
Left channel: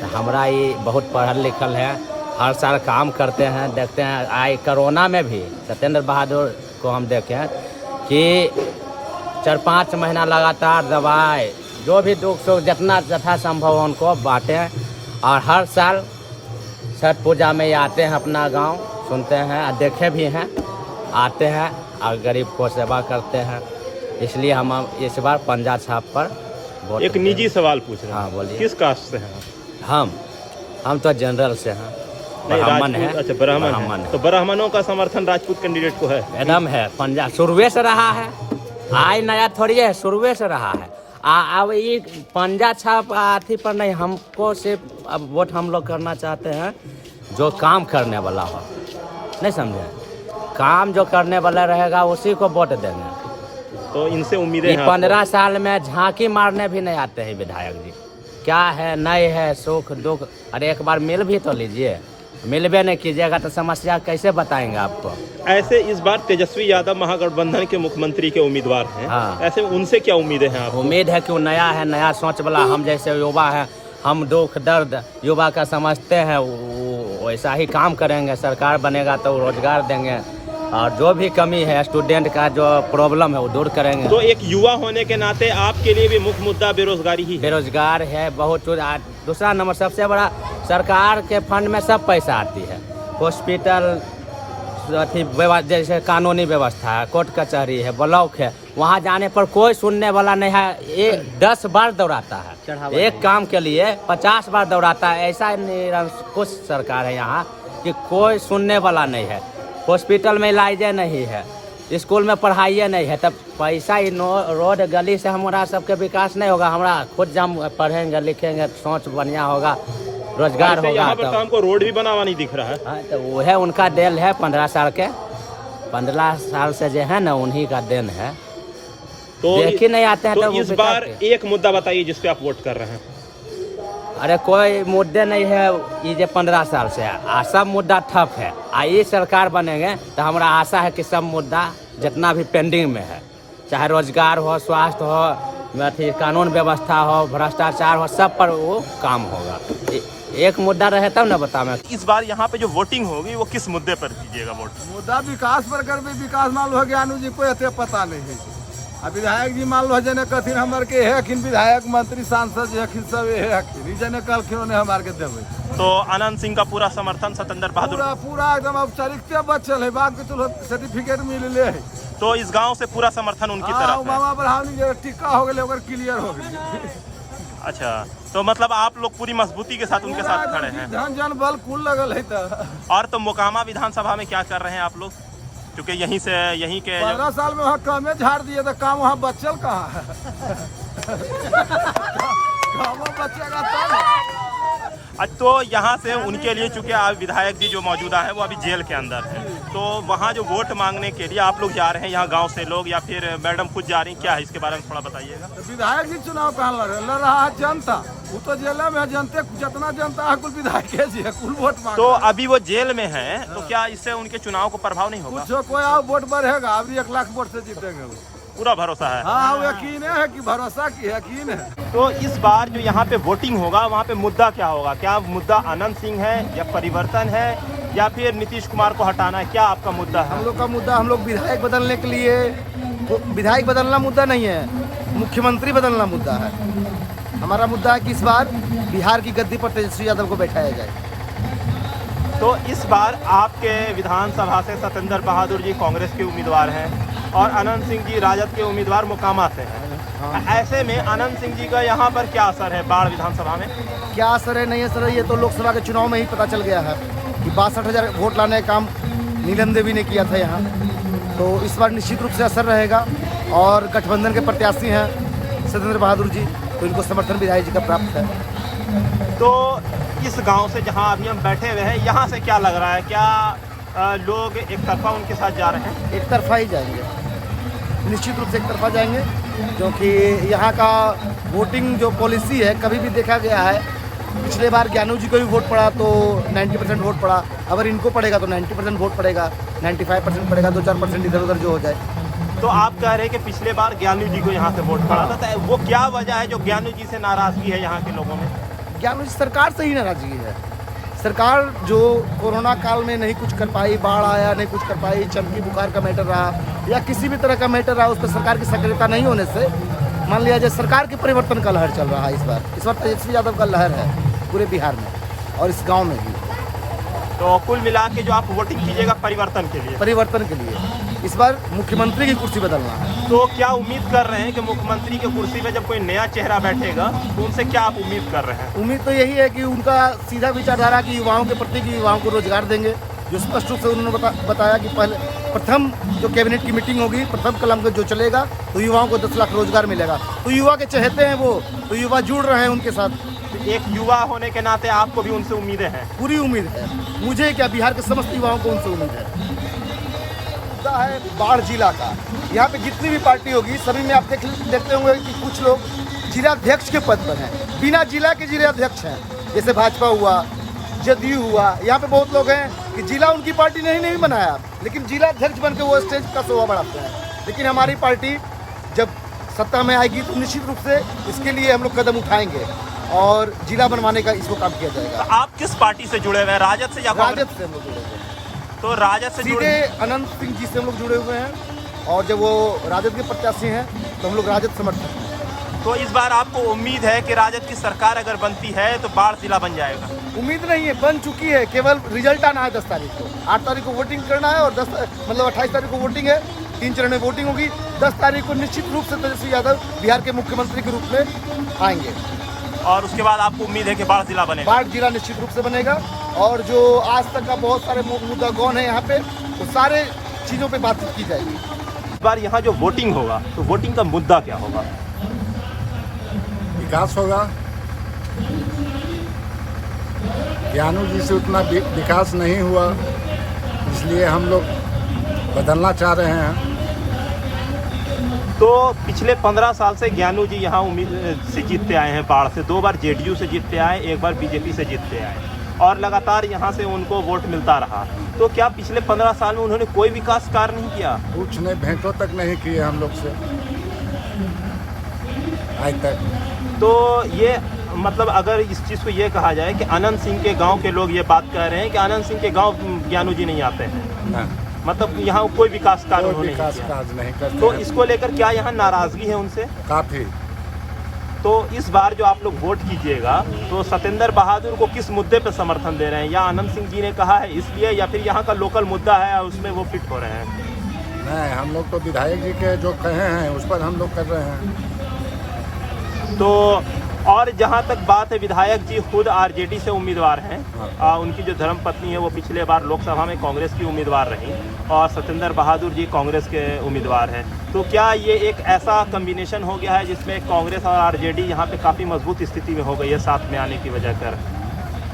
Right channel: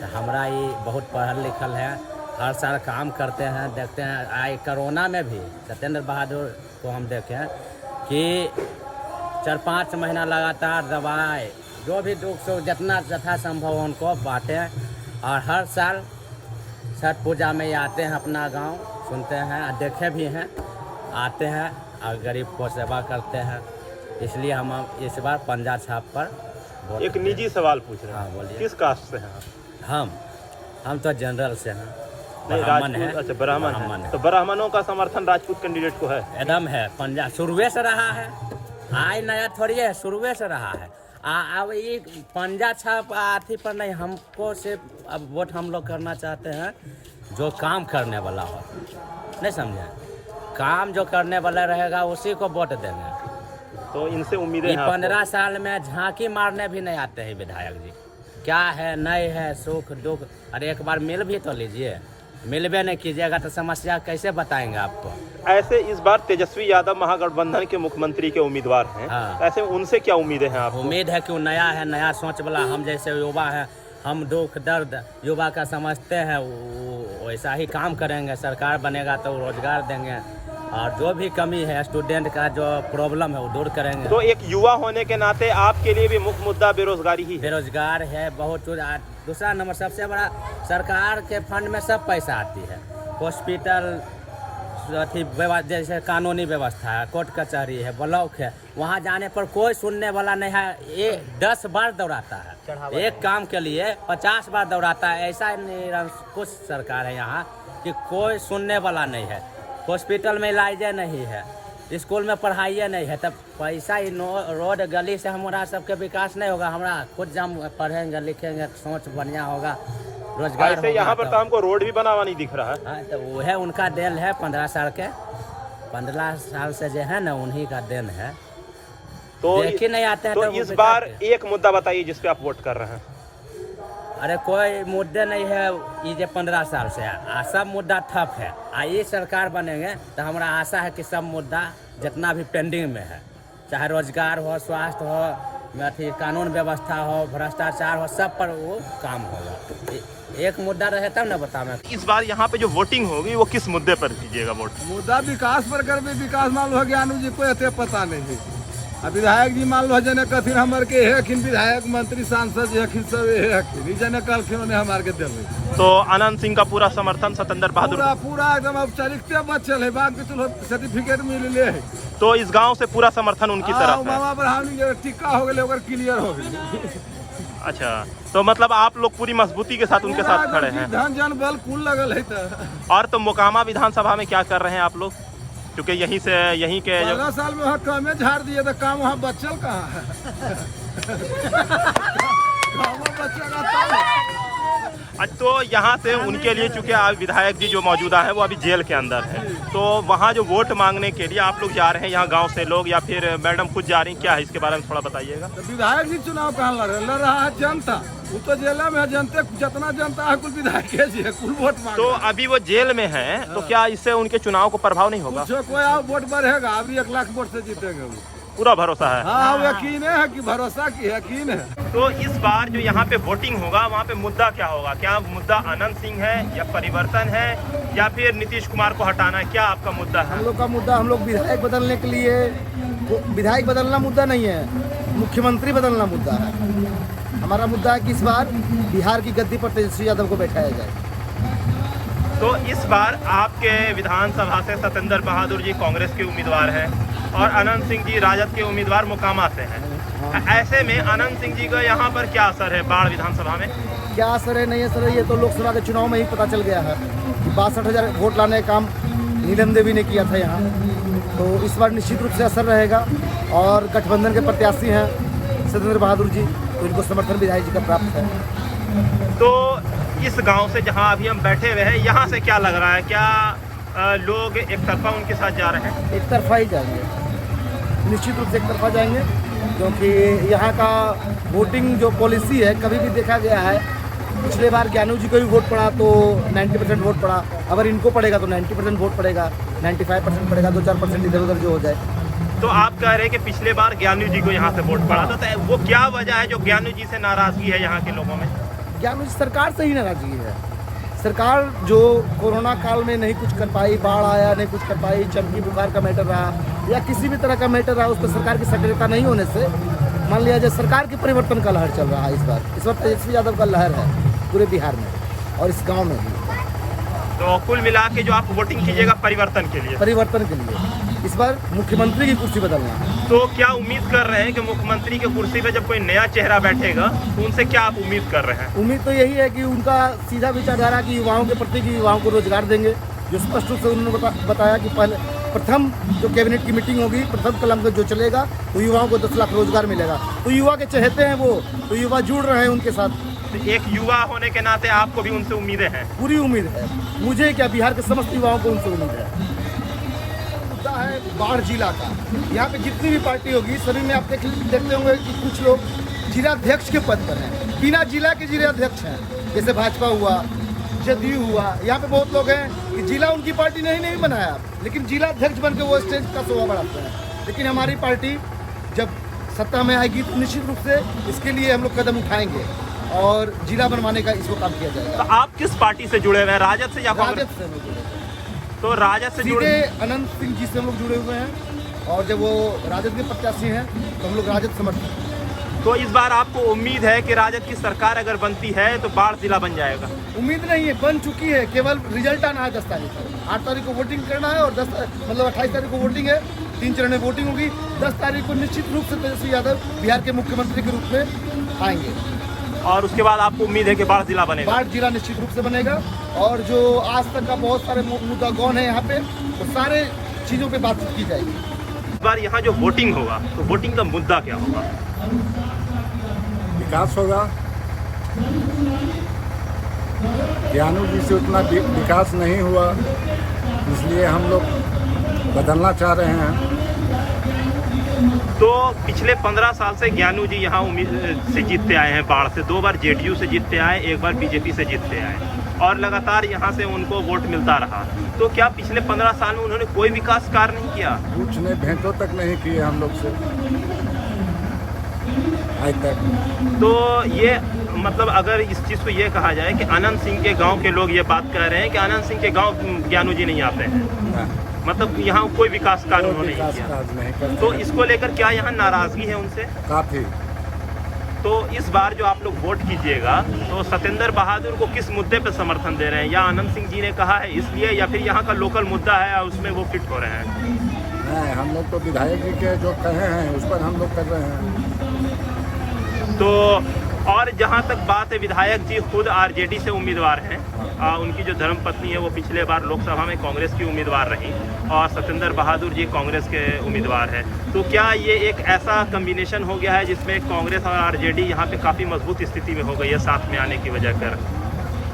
तो हमारा ये बहुत पढ़ल लिखल है, हर साल काम करते हैं। देखते हैं आज कोरोना में भी सत्येंद्र बहादुर को हम देखें कि 4-5 महीना लगातार दवाई जो भी दुख सुख जितना यथा संभव हो उनको बांटें। और हर साल छठ पूजा में आते हैं अपना गांव, सुनते हैं, देखे भी हैं, आते हैं और गरीब को सेवा करते हैं। इसलिए हम इस बार पंजा छाप पर वोट एक देंगे। निजी सवाल पूछ रहे हैं। हाँ, बोलिए। किस कास्ट से हैं आप? हम तो जनरल से हैं, ब्राह्मण है। अच्छा, ब्राह्मण है। तो ब्राह्मणों का समर्थन राजपूत कैंडिडेट को है? एकदम है, पंजाब शुरुए से रहा है, आज नया थोड़ी है, शुरुए से रहा है। अब ये पंजा छाप आथी पर नहीं, हमको सिर्फ अब वोट हम लोग करना चाहते हैं जो काम करने वाला हो, नहीं समझे? काम जो करने वाला रहेगा उसी को वोट देंगे। तो इनसे उम्मीदें ये हैं 15 साल में झांकी मारने भी नहीं आते हैं विधायक जी। क्या है नहीं है, सुख दुख, अरे एक बार मिल भी तो लीजिए। मिलबे नहीं कीजिएगा तो समस्या कैसे बताएंगे आपको? ऐसे इस बार तेजस्वी यादव महागठबंधन के मुख्यमंत्री के उम्मीदवार हैं। हाँ। ऐसे उनसे क्या उम्मीदें हैं आपको? उम्मीद है कि वो नया है, नया सोच वाला। हम जैसे युवा हैं, हम दुख दर्द युवा का समझते हैं, वो वैसा ही काम करेंगे। सरकार बनेगा तो रोजगार देंगे और जो भी कमी है स्टूडेंट का जो प्रॉब्लम है वो दूर करेंगे। तो एक युवा होने के नाते आपके लिए भी मुख्य मुद्दा बेरोजगारी ही है। बेरोजगार है बहुत कुछ। दूसरा नंबर सबसे बड़ा, सरकार के फंड में सब पैसा आती है। हॉस्पिटल, अथी जैसे कानूनी व्यवस्था है, कोर्ट कचहरी है, ब्लॉक है, वहाँ जाने पर कोई सुनने वाला नहीं है। ये 10 बार दौड़ाता है एक काम के लिए, 50 बार दौड़ाता है। ऐसा निरंकुश सरकार है यहाँ कि कोई सुनने वाला नहीं है। हॉस्पिटल में इलाज नहीं है, स्कूल में पढ़ाई नहीं है, तब पैसा ही रोड गली से हमारा सबके विकास नहीं होगा। हमारा खुद जब हम पढ़ेंगे लिखेंगे, सोच बढ़िया होगा, रोजगार होगा। यहाँ पर तो हमको रोड भी बना हुआ नहीं दिख रहा है। हाँ, तो वो है उनका देन है 15 साल के, 15 साल से जो है ना उन्हीं का देन है। तो देख ही नहीं आते हैं तो वो इस बेकार बार के। एक मुद्दा बताइए जिस पे आप वोट कर रहे हैं। अरे कोई मुद्दे नहीं है, ये जो 15 साल से है सब मुद्दा ठप है। ये सरकार बनेंगे तो हमारा आशा है कि सब मुद्दा जितना भी पेंडिंग में है, चाहे रोजगार हो, स्वास्थ्य हो, अथी कानून व्यवस्था हो, भ्रष्टाचार हो, सब पर वो काम होगा। एक मुद्दा रहे तब ना बता मैं। इस बार यहाँ पे जो वोटिंग होगी वो किस मुद्दे पर कीजिएगा वोट? मुद्दा विकास पर कर विकास मान लो ज्ञानू जी को एते पता नहीं। अब विधायक जी मान लो जने कथिन हमार के है विधायक मंत्री सांसद जो है सब है जने कलखिन उन्हें हमार के देवे। तो अनंत सिंह का पूरा समर्थन सतेंद्र बहादुर पूरा पूरा एकदम औपचारिकता बचल है बाग के चलो सर्टिफिकेट मिल ले है। तो इस गांव से पूरा समर्थन उनकी तरफ है। मामा ब्राह्मणी के टिक्का हो गए ओकर क्लियर हो गई। अच्छा, तो मतलब आप लोग पूरी मजबूती के साथ उनके साथ खड़े हैं। धन जन बल कुल लगल है। और तो मोकामा विधानसभा में क्या कर रहे हैं आप लोग, क्योंकि यहीं के 15 साल में वहाँ कमे झाड़ दिए तो काम वहाँ बचल कहाँ है। बचेगा तब। तो यहाँ से उनके लिए, चूंकि आप विधायक जी जो मौजूदा हैं वो अभी जेल के अंदर हैं, तो वहाँ जो वोट मांगने के लिए आप लोग जा रहे हैं, यहाँ गांव से लोग या फिर मैडम खुद जा रही हैं, क्या है इसके बारे में थोड़ा बताइएगा। तो विधायक जी चुनाव कहाँ लड़ रहा है जनता, वो तो जेल में है। जनते जितना जनता है कुल विधायक जी है, कुल वोट मांग। तो अभी वो जेल में है, तो क्या इससे उनके चुनाव को प्रभाव नहीं होगा? जो कोई आओ वोट बढ़ेगा, अभी 1 लाख वोट से जीतेंगे वो। पूरा भरोसा है? हाँ, वो यकीन है कि भरोसा की यकीन है। तो इस बार जो यहाँ पे वोटिंग होगा वहाँ पे मुद्दा क्या होगा? क्या मुद्दा अनंत सिंह है या परिवर्तन है या फिर नीतीश कुमार को हटाना है? क्या आपका मुद्दा है? हम लोग का मुद्दा, हम लोग विधायक बदलने के लिए, विधायक बदलना मुद्दा नहीं है, मुख्यमंत्री बदलना मुद्दा है। हमारा मुद्दा है कि इस बार बिहार की गद्दी पर तेजस्वी यादव को बैठाया जाए। तो इस बार आपके विधानसभा से सतेंद्र बहादुर जी कांग्रेस के उम्मीदवार हैं और अनंत सिंह जी राजद के उम्मीदवार मोकामा से हैं। ऐसे में अनंत सिंह जी का यहाँ पर क्या असर है बाढ़ विधानसभा में? क्या असर है नहीं असर है ये तो लोकसभा के चुनाव में ही पता चल गया है कि 62,000 वोट लाने का काम नीलम देवी ने किया था यहाँ। तो इस बार निश्चित रूप से असर रहेगा और गठबंधन के प्रत्याशी हैं सतेंद्र बहादुर जी, तो इनको समर्थन विधायक जी का प्राप्त है। तो इस गांव से जहां अभी हम बैठे हुए हैं, यहाँ से क्या लग रहा है? क्या लोग एक तरफा उनके साथ जा रहे हैं? एक तरफा ही जाएंगे, निश्चित रूप से एक तरफा जाएंगे, क्योंकि यहाँ का वोटिंग जो पॉलिसी है कभी भी देखा गया है। पिछले बार ज्ञानू जी को भी वोट पड़ा तो 90% वोट पड़ा, अगर इनको पड़ेगा तो 90% वोट पड़ेगा, 95% पड़ेगा, 2-4% इधर उधर जो हो जाए। तो आप कह रहे हैं कि पिछले बार ज्ञानू जी को यहाँ से वोट पड़ा था, तो वो क्या वजह है जो ज्ञानू जी से नाराजगी है यहाँ के लोगों में? ज्ञानू जी सरकार से ही नाराजगी है। सरकार जो कोरोना काल में नहीं कुछ कर पाई, बाढ़ आया नहीं कुछ कर पाई, चमकी बुखार का मैटर रहा या किसी भी तरह का मैटर रहा, उस पर सरकार की सक्रियता नहीं होने से मान लिया जाए सरकार के परिवर्तन का लहर चल रहा है। इस बार तेजस्वी यादव का लहर है पूरे बिहार में और इस गांव में भी। तो कुल मिला के जो आप वोटिंग कीजिएगा परिवर्तन के लिए? परिवर्तन के लिए इस बार मुख्यमंत्री की कुर्सी बदलना है। तो क्या उम्मीद कर रहे हैं कि मुख्यमंत्री की कुर्सी पे जब कोई नया चेहरा बैठेगा तो उनसे क्या आप उम्मीद कर रहे हैं? उम्मीद तो यही है कि उनका सीधा विचारधारा की युवाओं के प्रति कि युवाओं को रोजगार देंगे, जो स्पष्ट रूप से उन्होंने बताया कि पहले प्रथम जो कैबिनेट की मीटिंग होगी, प्रथम कलम पे जो चलेगा तो युवाओं को 10 लाख रोजगार मिलेगा। तो युवा के चहेते हैं वो, तो युवा जुड़ रहे हैं उनके साथ। तो एक युवा होने के नाते आपको भी उनसे उम्मीदें हैं? पूरी उम्मीद है मुझे, क्या बिहार के समस्त युवाओं को उनसे उम्मीद है। मुद्दा है बाढ़ जिला का। यहाँ पे जितनी भी पार्टी होगी सभी में आप देखते होंगे कि कुछ लोग जिलाध्यक्ष के पद पर हैं, बिना जिला के जिलाध्यक्ष हैं। जैसे भाजपा हुआ, जदयू हुआ, यहाँ पे बहुत लोग हैं कि जिला उनकी पार्टी ने ही नहीं बनाया, लेकिन जिलाध्यक्ष बन के वो स्टेज का शोभा बढ़ाते हैं। लेकिन हमारी पार्टी जब सत्ता में आएगी तो निश्चित रूप से इसके लिए हम लोग कदम उठाएंगे और जिला बनवाने का इसको काम किया जाएगा। तो आप किस पार्टी से जुड़े हुए हैं, राजद से या कांग्रेस? राजद से हम लोग जुड़े हुए हैं। तो राजद से जुड़े, अनंत सिंह जी से हम लोग जुड़े हुए हैं और जब वो राजद के प्रत्याशी हैं तो हम लोग राजद समर्थक हैं। तो इस बार आपको उम्मीद है कि राजद की सरकार अगर बनती है तो बाढ़ जिला बन जाएगा? उम्मीद नहीं है, बन चुकी है, केवल रिजल्ट आना है 10 तारीख को। 8 तारीख को वोटिंग करना है और 28 तारीख को वोटिंग है, 3 चरण में वोटिंग होगी। 10 तारीख को निश्चित रूप से तेजस्वी यादव बिहार के मुख्यमंत्री के रूप में आएंगे और उसके बाद आपको उम्मीद है कि बाढ़ जिला बनेगा? बाढ़ जिला निश्चित रूप से बनेगा और जो आज तक का बहुत सारे मुद्दा कौन है यहाँ पे, तो सारे चीज़ों पे बातचीत की जाएगी। इस बार यहाँ जो वोटिंग होगा तो वोटिंग का मुद्दा क्या होगा? विकास होगा। ज्ञानू जी से उतना विकास नहीं हुआ, इसलिए हम लोग बदलना चाह रहे हैं। तो पिछले 15 साल से ज्ञानू जी यहाँ से जीतते आए हैं, बाढ़ से 2 बार जेडीयू से जीतते आए, 1 बार बीजेपी से जीतते आए और लगातार यहाँ से उनको वोट मिलता रहा। तो क्या पिछले 15 साल में उन्होंने कोई विकास कार्य नहीं किया? कुछ ने भेंटों तक नहीं किए हम लोग से आज तक। तो ये मतलब अगर इस चीज़ को ये कहा जाए कि अनंत सिंह के गांव के लोग ये बात कह रहे हैं कि अनंत सिंह के गांव ज्ञानू जी नहीं आते हैं, ना मतलब यहाँ कोई विकास कार्य कोई उन्होंने नहीं विकास किया, काज नहीं करते तो हैं। इसको लेकर क्या यहाँ नाराजगी है उनसे? काफी। तो इस बार जो आप लोग वोट कीजिएगा तो सत्येंद्र बहादुर को किस मुद्दे पर समर्थन दे रहे हैं? या अनंत सिंह जी ने कहा है इसलिए, या फिर यहाँ का लोकल मुद्दा है और उसमें वो फिट हो रहे हैं? नहीं, हम लोग तो विधायक जी के जो कहे हैं उस पर हम लोग कर रहे हैं। तो और जहाँ तक बात है, विधायक जी खुद आरजेडी से उम्मीदवार हैं, उनकी जो धर्मपत्नी है वो पिछले बार लोकसभा में कांग्रेस की उम्मीदवार रही और सत्येंद्र बहादुर जी कांग्रेस के उम्मीदवार हैं। तो क्या ये एक ऐसा कम्बिनेशन हो गया है जिसमें कांग्रेस और आरजेडी यहाँ पे काफ़ी मजबूत स्थिति में हो गई है साथ में आने की वजह कर,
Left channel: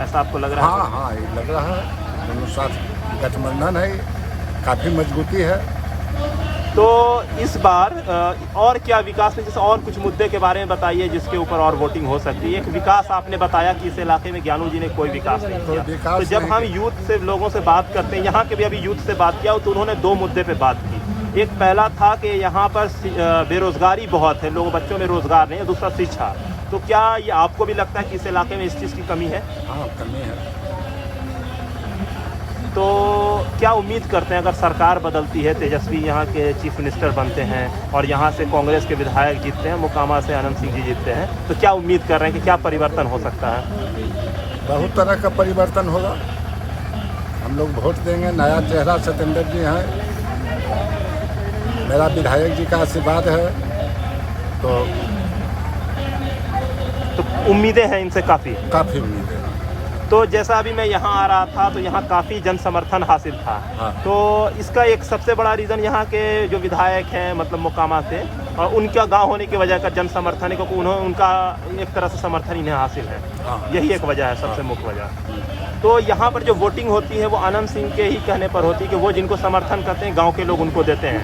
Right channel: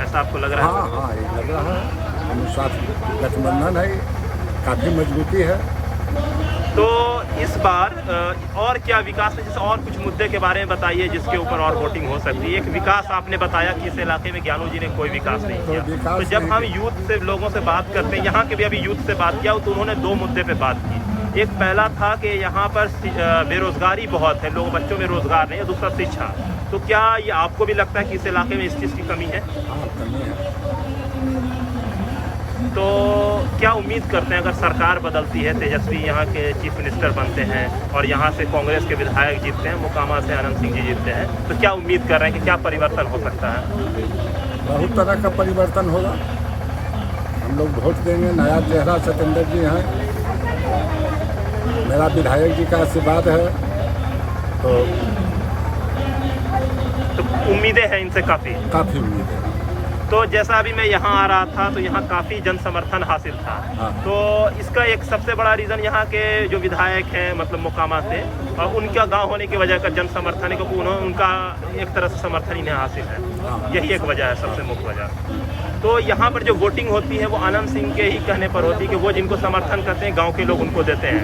ऐसा आपको लग रहा है? हाँ हाँ, ये लग रहा है। हम साथ गठबंधन है, काफ़ी मजबूती है। तो इस बार और क्या विकास है, जैसे और कुछ मुद्दे के बारे में बताइए जिसके ऊपर और वोटिंग हो सकती है। एक विकास आपने बताया कि इस इलाके में ज्ञानू जी ने कोई विकास नहीं कोई किया, विकास तो जब नहीं हम यूथ से लोगों से बात करते हैं, यहाँ के भी अभी यूथ से बात किया तो उन्होंने दो मुद्दे पे बात की। एक पहला था कि यहाँ पर बेरोजगारी बहुत है, लोग बच्चों में रोजगार नहीं है, दूसरा शिक्षा। तो क्या ये आपको भी लगता है कि इस इलाके में इस चीज़ की कमी है? हाँ, कमी है। तो क्या उम्मीद करते हैं अगर सरकार बदलती है, तेजस्वी यहाँ के चीफ मिनिस्टर बनते हैं और यहाँ से कांग्रेस के विधायक जीतते हैं, मोकामा से अनंत सिंह जी जीतते हैं, तो क्या उम्मीद कर रहे हैं कि क्या परिवर्तन हो सकता है? बहुत तरह का परिवर्तन होगा। हम लोग वोट देंगे, नया चेहरा सत्येंद्र जी हैं, मेरा विधायक जी का आशीर्वाद है, तो उम्मीदें हैं इनसे काफ़ी। काफ़ी उम्मीद है। तो जैसा अभी मैं यहाँ आ रहा था तो यहाँ काफ़ी जन समर्थन हासिल था। हाँ। तो इसका एक सबसे बड़ा रीज़न यहाँ के जो विधायक हैं, मतलब मोकामा से, और उनका गांव होने की वजह का जन समर्थन है, क्योंकि उन्होंने उनका एक तरह से समर्थन इन्हें हासिल है। हाँ। यही एक वजह है, सबसे मुख्य वजह। तो यहाँ पर जो वोटिंग होती है वो अनंत सिंह के ही कहने पर होती है कि वो जिनको समर्थन करते हैं गाँव के लोग उनको देते हैं,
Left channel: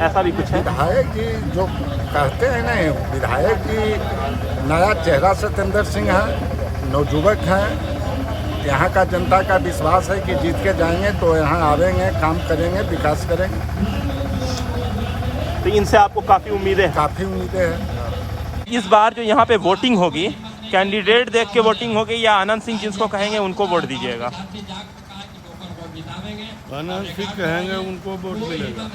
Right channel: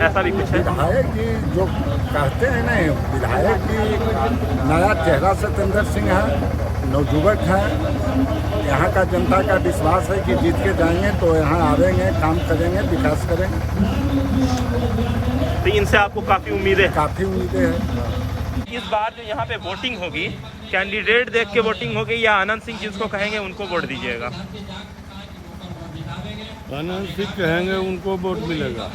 ऐसा भी कुछ है? विधायक जी जो कहते हैं ना, विधायक जी नया चेहरा सत्येंद्र सिंह है, नवजुवक हैं। यहाँ का जनता का विश्वास है कि जीत के जाएंगे तो यहाँ आवेंगे, काम करेंगे, विकास करेंगे। तो इनसे आपको काफ़ी उम्मीदें हैं? काफ़ी उम्मीदें हैं। इस बार जो यहाँ पे वोटिंग होगी, कैंडिडेट देख के वोटिंग होगी या अनंत सिंह जिसको कहेंगे उनको वोट दीजिएगा? अनंत सिंह कहेंगे उनको वोट मिलेगा।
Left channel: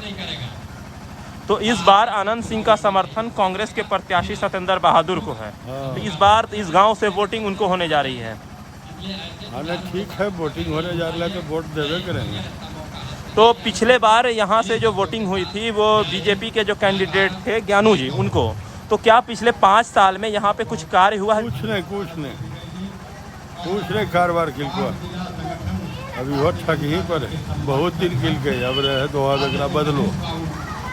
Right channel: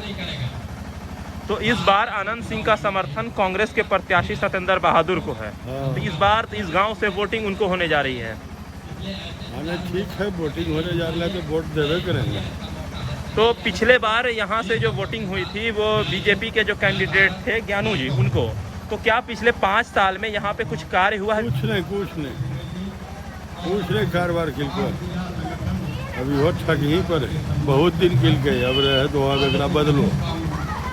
तो इस बार अनंत सिंह का समर्थन कांग्रेस के प्रत्याशी सत्येंद्र बहादुर को है। तो इस बार तो इस गांव से वोटिंग उनको होने जा रही है। हाँ, ठीक है, वोटिंग होने जा रहा है तो वोट देवे करेंगे। तो पिछले बार यहाँ से जो वोटिंग हुई थी वो बीजेपी के जो कैंडिडेट थे ज्ञानू जी, उनको, तो क्या पिछले 5 साल में यहाँ पे कुछ कार्य हुआ है? कुछ नहीं कारोबार खिल को अभी हो ठग ही पर है, बहुत दिन खिल गए, अब रहे तो वहाँ देखना बदलो।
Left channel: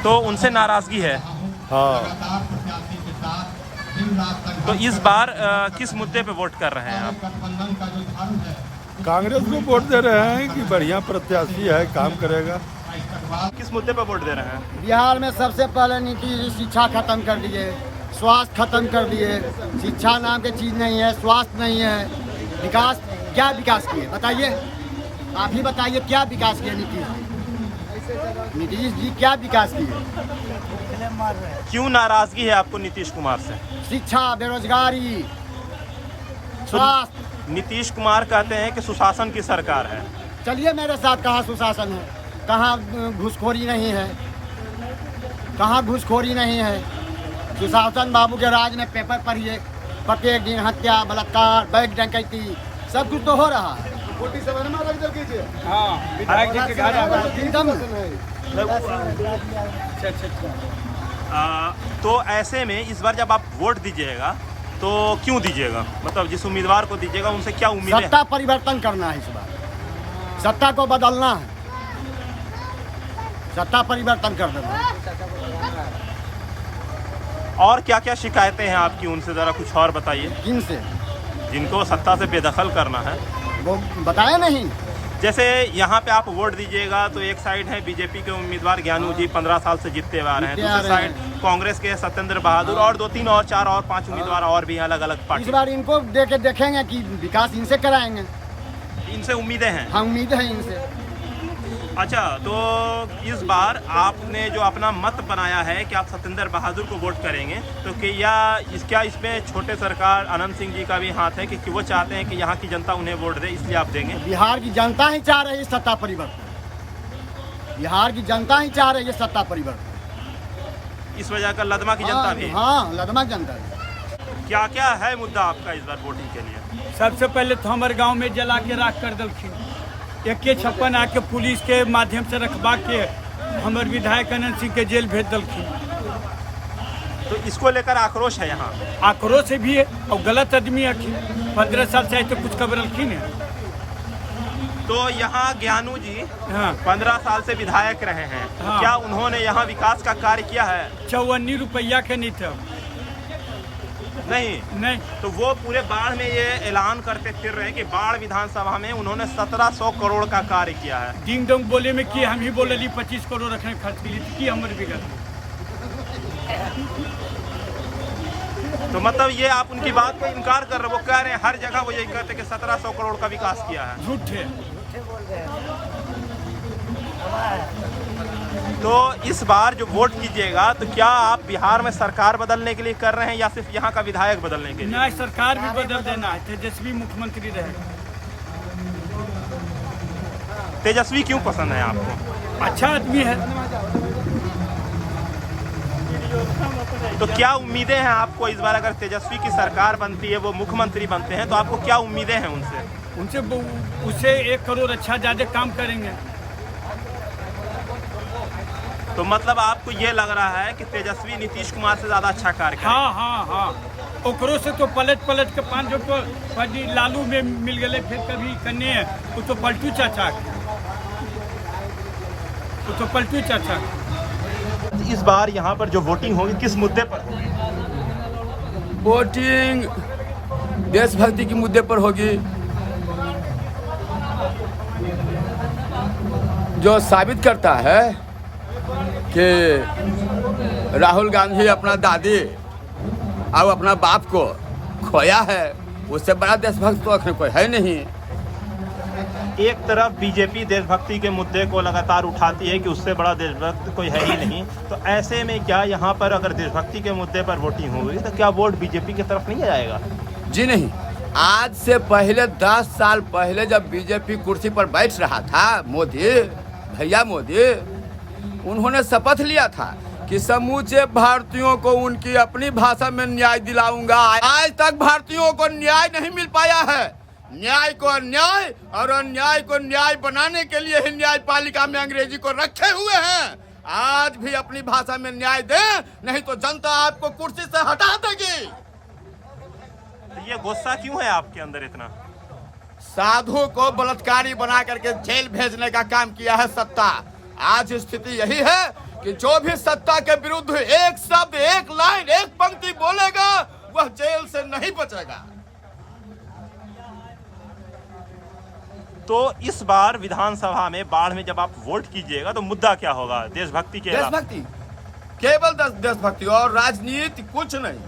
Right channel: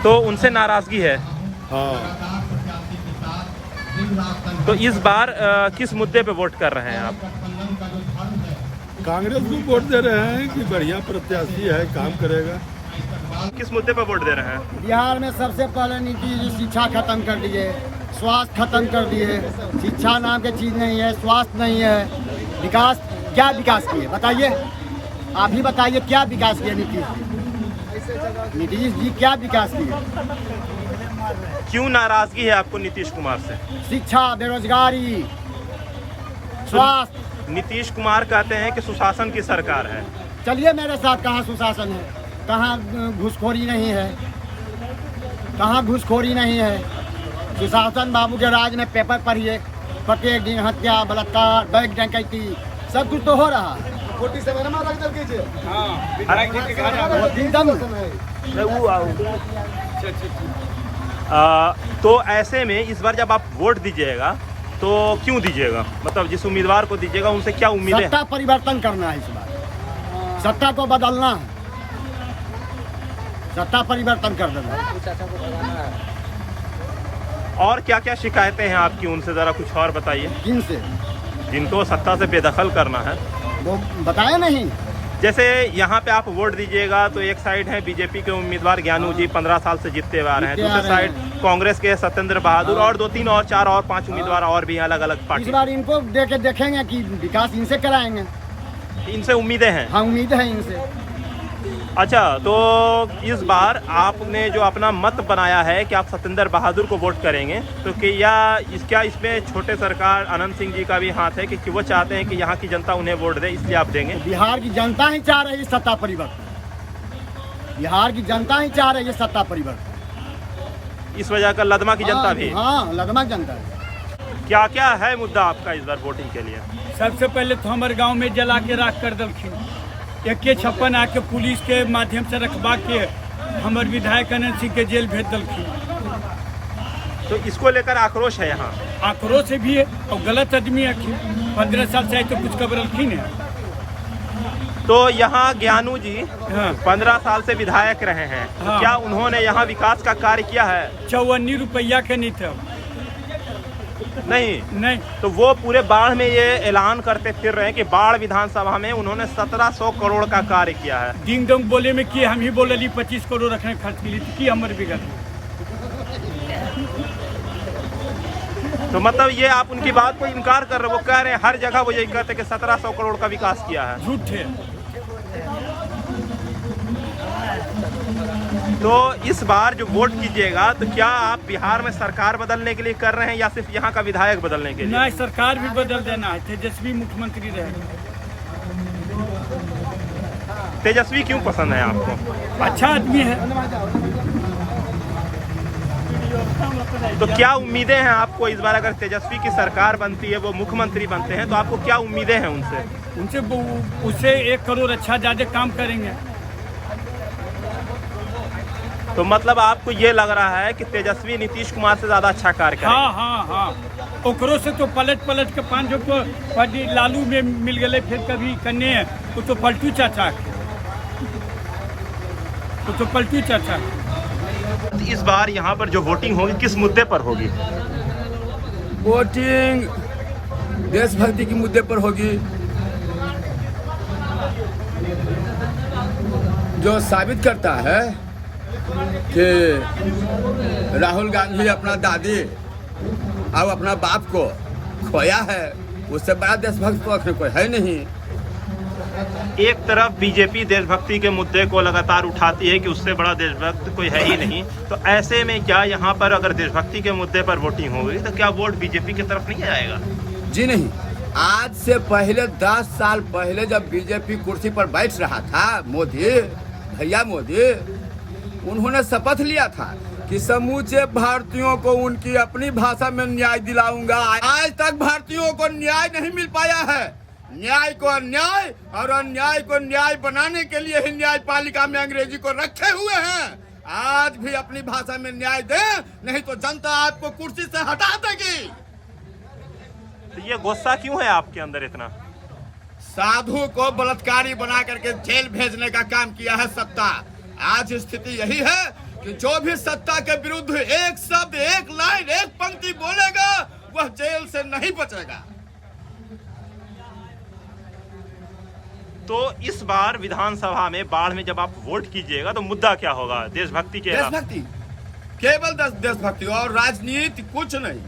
तो उनसे नाराजगी है? हाँ। तो इस बार किस मुद्दे पे वोट कर रहे हैं आप? कांग्रेस को वोट दे रहे हैं कि बढ़िया प्रत्याशी है, काम करेगा। किस मुद्दे पे वोट दे रहे हैं? बिहार में सबसे पहले नीति शिक्षा खत्म कर दिए, स्वास्थ्य खत्म कर दिए। शिक्षा नाम की चीज़ नहीं है, स्वास्थ्य नहीं है, विकास क्या विकास किए बताइए? आप ही बताइए क्या विकास किए नीतीश जी? नीतीश जी क्या विकास किए? क्यों नाराजगी है आपको नीतीश कुमार से? शिक्षा, बेरोजगारी, स्वास्थ्य। नीतीश कुमार कहते हैं कि सुशासन की सरकार है। चलिए मेरे साथ, कहाँ सुशासन है, कहाँ घूसखोरी नहीं है, कहाँ घूसखोरी नहीं है। सुशासन बाबू के राज में पेपर पढ़िए, प्रत्येक दिन हत्या, बलात्कार, बैंक डकैती, सब कुछ तो हो रहा है। तो ऐसे में इस बार जब आप वोट दीजिएगा तो क्यों दीजिएगा, मतलब जिस उम्मीदवार को दीजिएगा उनसे क्या उम्मीद है? सत्ता परिवर्तन करना है, इस बार सत्ता को बदलना है, सत्ता परिवर्तन कर देना है। और क्या क्या शिकायतें हैं आपकी, उनसे ज़रा कुछ और बताइए। किनसे? जिनको सत्ता से बेदखल करना है वो बताया नहीं। जैसे यहाँ पे आप वोट दीजिएगा तो एक साइड है बीजेपी के उम्मीदवार ज्ञानू जी 15 साल से जीतते हुए आ रहे हैं, दूसरे साइड कांग्रेस के सत्येंद्र बहादुर और 2, 3 और 4 और 5 उम्मीदवार और भी अलग अलग पार्टी। इस बार इनको देके देखेंगे कि विकास इनसे कराएंगे। इनसे उम्मीदें हैं? हाँ, उम्मीद है इनसे। अच्छा, तो इस बार आपने जो अपना मत बनाया है कि आप सत्येंद्र बहादुर को वोट करेंगे, तो क्या इसमें छोटे सरकार आनंद सिंह जी का भी हाथ है कि वो चाहते हैं कि यहाँ की जनता उन्हें वोट दे, इसलिए आप देंगे? बिहार की जनता ही चाह रही है सत्ता परिवर्तन, बिहार की जनता ही चाह रही है सत्ता परिवर्तन। इस वजह का लदमा की जनता भी? हाँ, लदमा की जनता भी। क्या क्या है मुद्दा आपका इस बार वोटिंग के लिए? सबसे पहले तो हमारे गांव में जला के राख कर दलखिन, 156 आके पुलिस के माध्यम से रखवा के हमारे विधायक अनंत सिंह के जेल भेज दलखिन। तो इसको लेकर आक्रोश है यहाँ? आक्रोश भी है और गलत आदमी है, 15 साल से तो कुछ कबरलखिन है। तो यहाँ ज्ञानू जी 15 साल से विधायक रहे हैं, तो क्या उन्होंने यहाँ विकास का कार्य किया है? 54 रुपया के नहीं थे। नहीं, तो वो पूरे बाढ़ में ये ऐलान करते फिर रहे हैं कि बाढ़ विधानसभा में उन्होंने 1700 करोड़ का कार्य किया है। डिंग डोंग बोले में कि हम ही बोले 25 करोड़ रखने खर्च के लिए कि हमारे बिगड़। तो मतलब ये आप उनकी बात को इनकार कर रहे हो? वो कह रहे हैं हर जगह वो यही कहते हैं कि 1700 करोड़ का विकास किया है। झूठ है। तो इस बार जो वोट कीजिएगा तो क्या आप बिहार में सरकार बदलने के लिए कर रहे हैं या सिर्फ यहाँ का विधायक बदलने के लिए? नहीं, सरकार भी बदल देना है, तेजस्वी मुख्यमंत्री रहेगा। तेजस्वी क्यों पसंद है आपको? अच्छा आदमी है। तो क्या उम्मीदें हैं आपको इस बार? अगर तेजस्वी की सरकार बनती है, वो मुख्यमंत्री बनते हैं, तो आपको क्या उम्मीदें हैं उनसे? उससे 1 करोड़ अच्छा ज्यादा काम करेंगे। तो मतलब आपको ये लग रहा है कि तेजस्वी नीतीश कुमार से ज्यादा अच्छा कार्य करेंगे? हाँ। ओकरों से तो पलट के 5 जो तो लालू में मिल गए, फिर कभी कन्ने वो तो पलटू चाचा, वो तो पलटू चाचा। इस बार यहाँ पर जो वोटिंग होगी किस मुद्दे पर होगी? वोटिंग देशभक्ति के मुद्दे पर होगी, जो साबित करता है कि राहुल गांधी अपना दादी और अपना बाप को खोया है, उससे बड़ा देशभक्त तो कोई है नहीं। एक तरफ बीजेपी देशभक्ति के मुद्दे को लगातार उठाती है कि उससे बड़ा देशभक्त कोई है ही नहीं, तो ऐसे में क्या यहाँ पर अगर देशभक्ति के मुद्दे पर वोटिंग होगी तो क्या वोट बीजेपी की तरफ नहीं जाएगा? जी नहीं, आज से पहले 10 साल पहले जब बीजेपी कुर्सी पर बैठ रहा था, भैया मोदी, उन्होंने शपथ लिया था कि समूचे भारतीयों को उनकी अपनी भाषा में न्याय दिलाऊंगा। आज तक भारतीयों को न्याय नहीं मिल पाया है। न्याय को अन्याय और अन्याय को न्याय बनाने के लिए ही न्यायपालिका में अंग्रेजी को रखे हुए हैं। आज भी अपनी भाषा में न्याय दें, नहीं तो जनता आपको कुर्सी से हटा देगी। तो ये गुस्सा क्यों है आपके अंदर इतना? साधु को बलात्कारी बना करके जेल भेजने का काम किया है सत्ता। आज स्थिति यही है कि जो भी सत्ता के विरुद्ध एक शब्द, एक लाइन, एक पंक्ति बोलेगा वह जेल से नहीं बचेगा। तो इस बार विधानसभा में बाढ़ में जब आप वोट कीजिएगा तो मुद्दा क्या होगा? देशभक्ति के अलावा? देशभक्ति, केवल देशभक्ति और राजनीति, कुछ नहीं।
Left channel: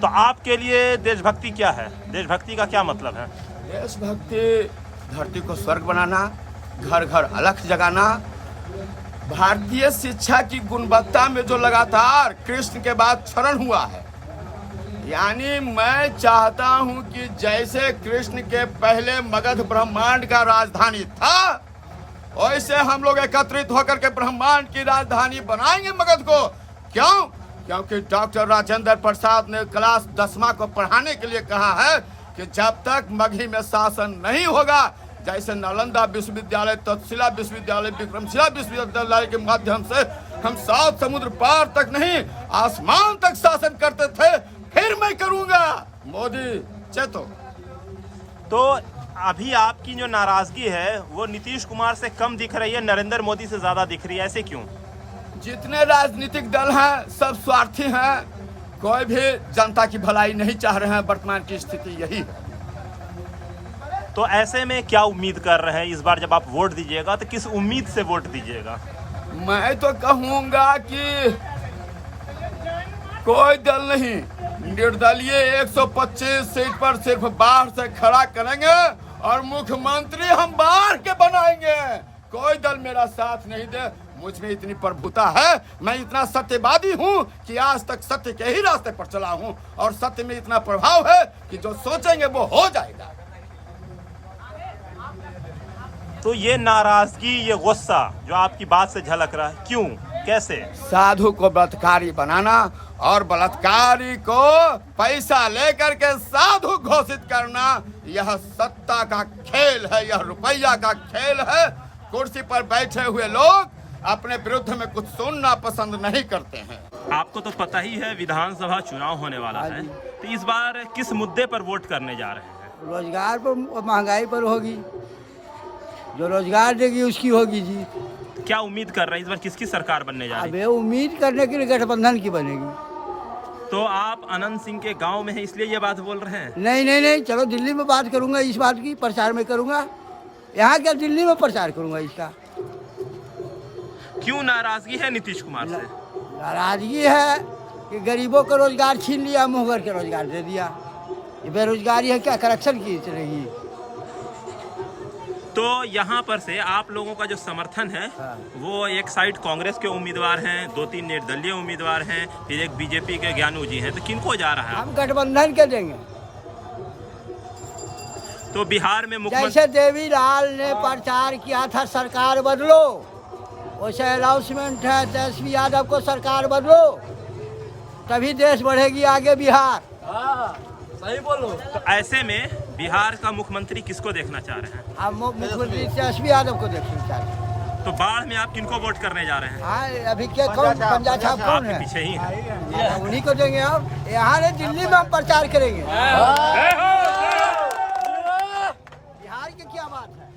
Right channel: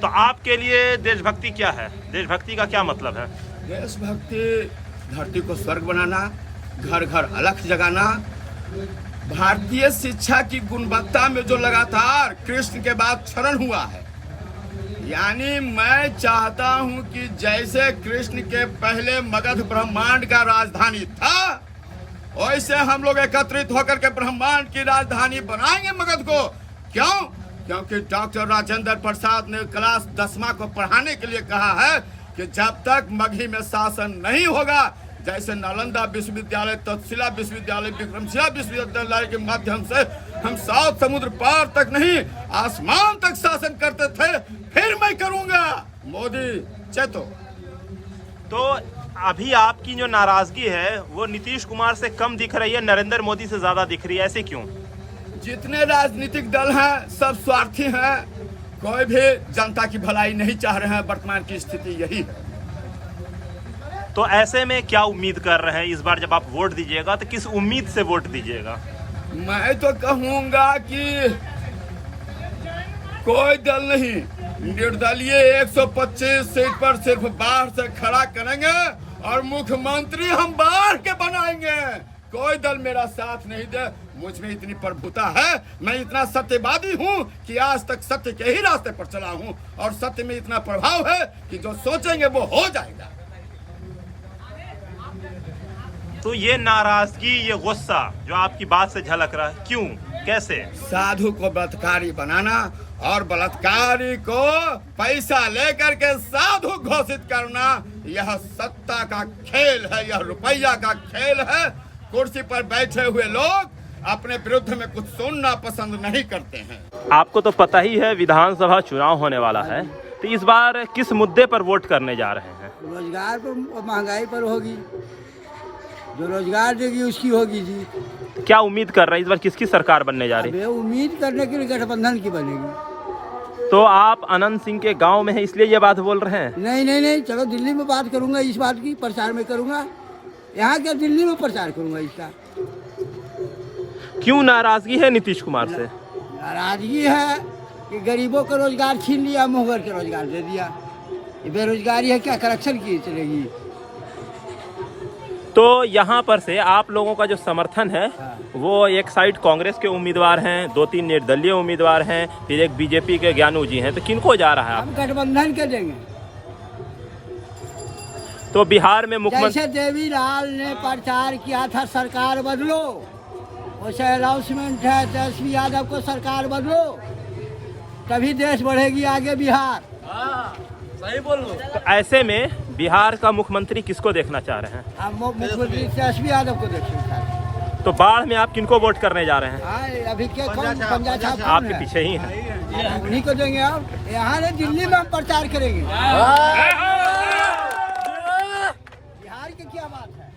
तो आपके लिए देशभक्ति क्या है? देशभक्ति का क्या मतलब है? देशभक्ति धरती को स्वर्ग बनाना, घर घर अलख जगाना, भारतीय शिक्षा की गुणवत्ता में जो लगातार कृष्ण के बाद क्षरण हुआ है, यानी मैं चाहता हूं कि जैसे कृष्ण के पहले मगध ब्रह्मांड का राजधानी था, वैसे हम लोग एकत्रित होकर के ब्रह्मांड की राजधानी बनाएंगे मगध को। क्यों? क्योंकि डॉक्टर राजेंद्र प्रसाद ने क्लास 10वां को पढ़ाने के लिए कहा है कि जब तक मगही में शासन नहीं होगा, जैसे नालंदा विश्वविद्यालय, तक्षशिला विश्वविद्यालय, विक्रमशिला विश्वविद्यालय के माध्यम से हम 7 समुद्र पार तक नहीं, आसमान तक शासन करते थे, फिर मैं करूंगा। मोदी चेतो। तो अभी आपकी जो नाराजगी है वो नीतीश कुमार से कम दिख रही है, नरेंद्र मोदी से ज्यादा दिख रही है, ऐसे क्यों? जितने राजनीतिक दल हैं सब स्वार्थी हैं, कोई भी जनता की भलाई नहीं चाह रहे हैं। वर्तमान की स्थिति यही है। तो ऐसे में क्या उम्मीद कर रहे हैं इस बार जब आप वोट दीजिएगा, तो किस उम्मीद से वोट दीजिएगा? मैं तो कहूंगा कि कोई दल नहीं, निर्दलीय 125 सीट पर सिर्फ बाहर से खड़ा करेंगे और मुख्यमंत्री हम बाहर के बनाएंगे। कोई दल मेरा साथ नहीं दे, मुझ में इतनी प्रभुता है, मैं इतना सत्यवादी हूँ कि आज तक सत्य के ही रास्ते पर चला हूँ और सत्य में इतना प्रभाव है कि जो सोचेंगे वो हो जाएगा। तो ये नाराजगी, ये गुस्सा जो आपकी बात से झलक रहा है, क्यों, कैसे? साधु को बलात्कारी बनाना और बलात्कारी को पैसा लेकर के साधु घोषित करना, यह सत्ता का खेल है, यह रुपया का खेल है। कुर्सी पर बैठे हुए लोग अपने विरुद्ध में कुछ सुनना पसंद नहीं करते हैं। आपको तो पता ही है विधानसभा चुनाव होने वाला है, तो इस बार किस मुद्दे पर वोट करने जा रहे हैं? रोजगार पर, महंगाई पर होगी। जो रोजगार देगी उसकी होगी जी। क्या उम्मीद कर रहे हैं इस बार किसकी सरकार बनने जा रही है? उम्मीद करने के लिए गठबंधन की बनेगी। तो आप अनंत सिंह के गांव में हैं इसलिए ये बात बोल रहे हैं? नहीं, चलो दिल्ली में बात करूंगा, इस बात की प्रचार में करूंगा। यहाँ क्या दिल्ली में प्रचार करूंगा इसका। क्यों नाराजगी है नीतीश कुमार से? नाराजगी है कि गरीबों का रोजगार छीन लिया, मुहर के रोजगार दे दिया। ये बेरोजगारी है, क्या करप्शन की चलेगी। तो यहाँ पर से आप लोगों का जो समर्थन है वो एक साइड कांग्रेस के उम्मीदवार हैं, 2-3 निर्दलीय उम्मीदवार हैं, फिर एक बीजेपी के ज्ञानू जी हैं, तो किनको जा रहा है? हम गठबंधन के देंगे। तो बिहार में मुख्यमंत्री जैसे देवीलाल ने प्रचार किया था सरकार बदलो, वैसे अनाउंसमेंट है तेजस्वी यादव को सरकार बदलो, तभी देश बढ़ेगी आगे बिहार। सही बोलो। तो ऐसे में बिहार का मुख्यमंत्री किसको देखना चाह रहे हैं? हम मुख्यमंत्री तेजस्वी यादव को देखना चाहते हैं। तो बाढ़ में आप किनको वोट करने जा रहे हैं? अभी क्या कौन पंजा छाप कौन आपके है? पीछे ही है। उन्हीं को देंगे। अब यहाँ नहीं, दिल्ली में हम प्रचार करेंगे। बिहार की क्या बात है?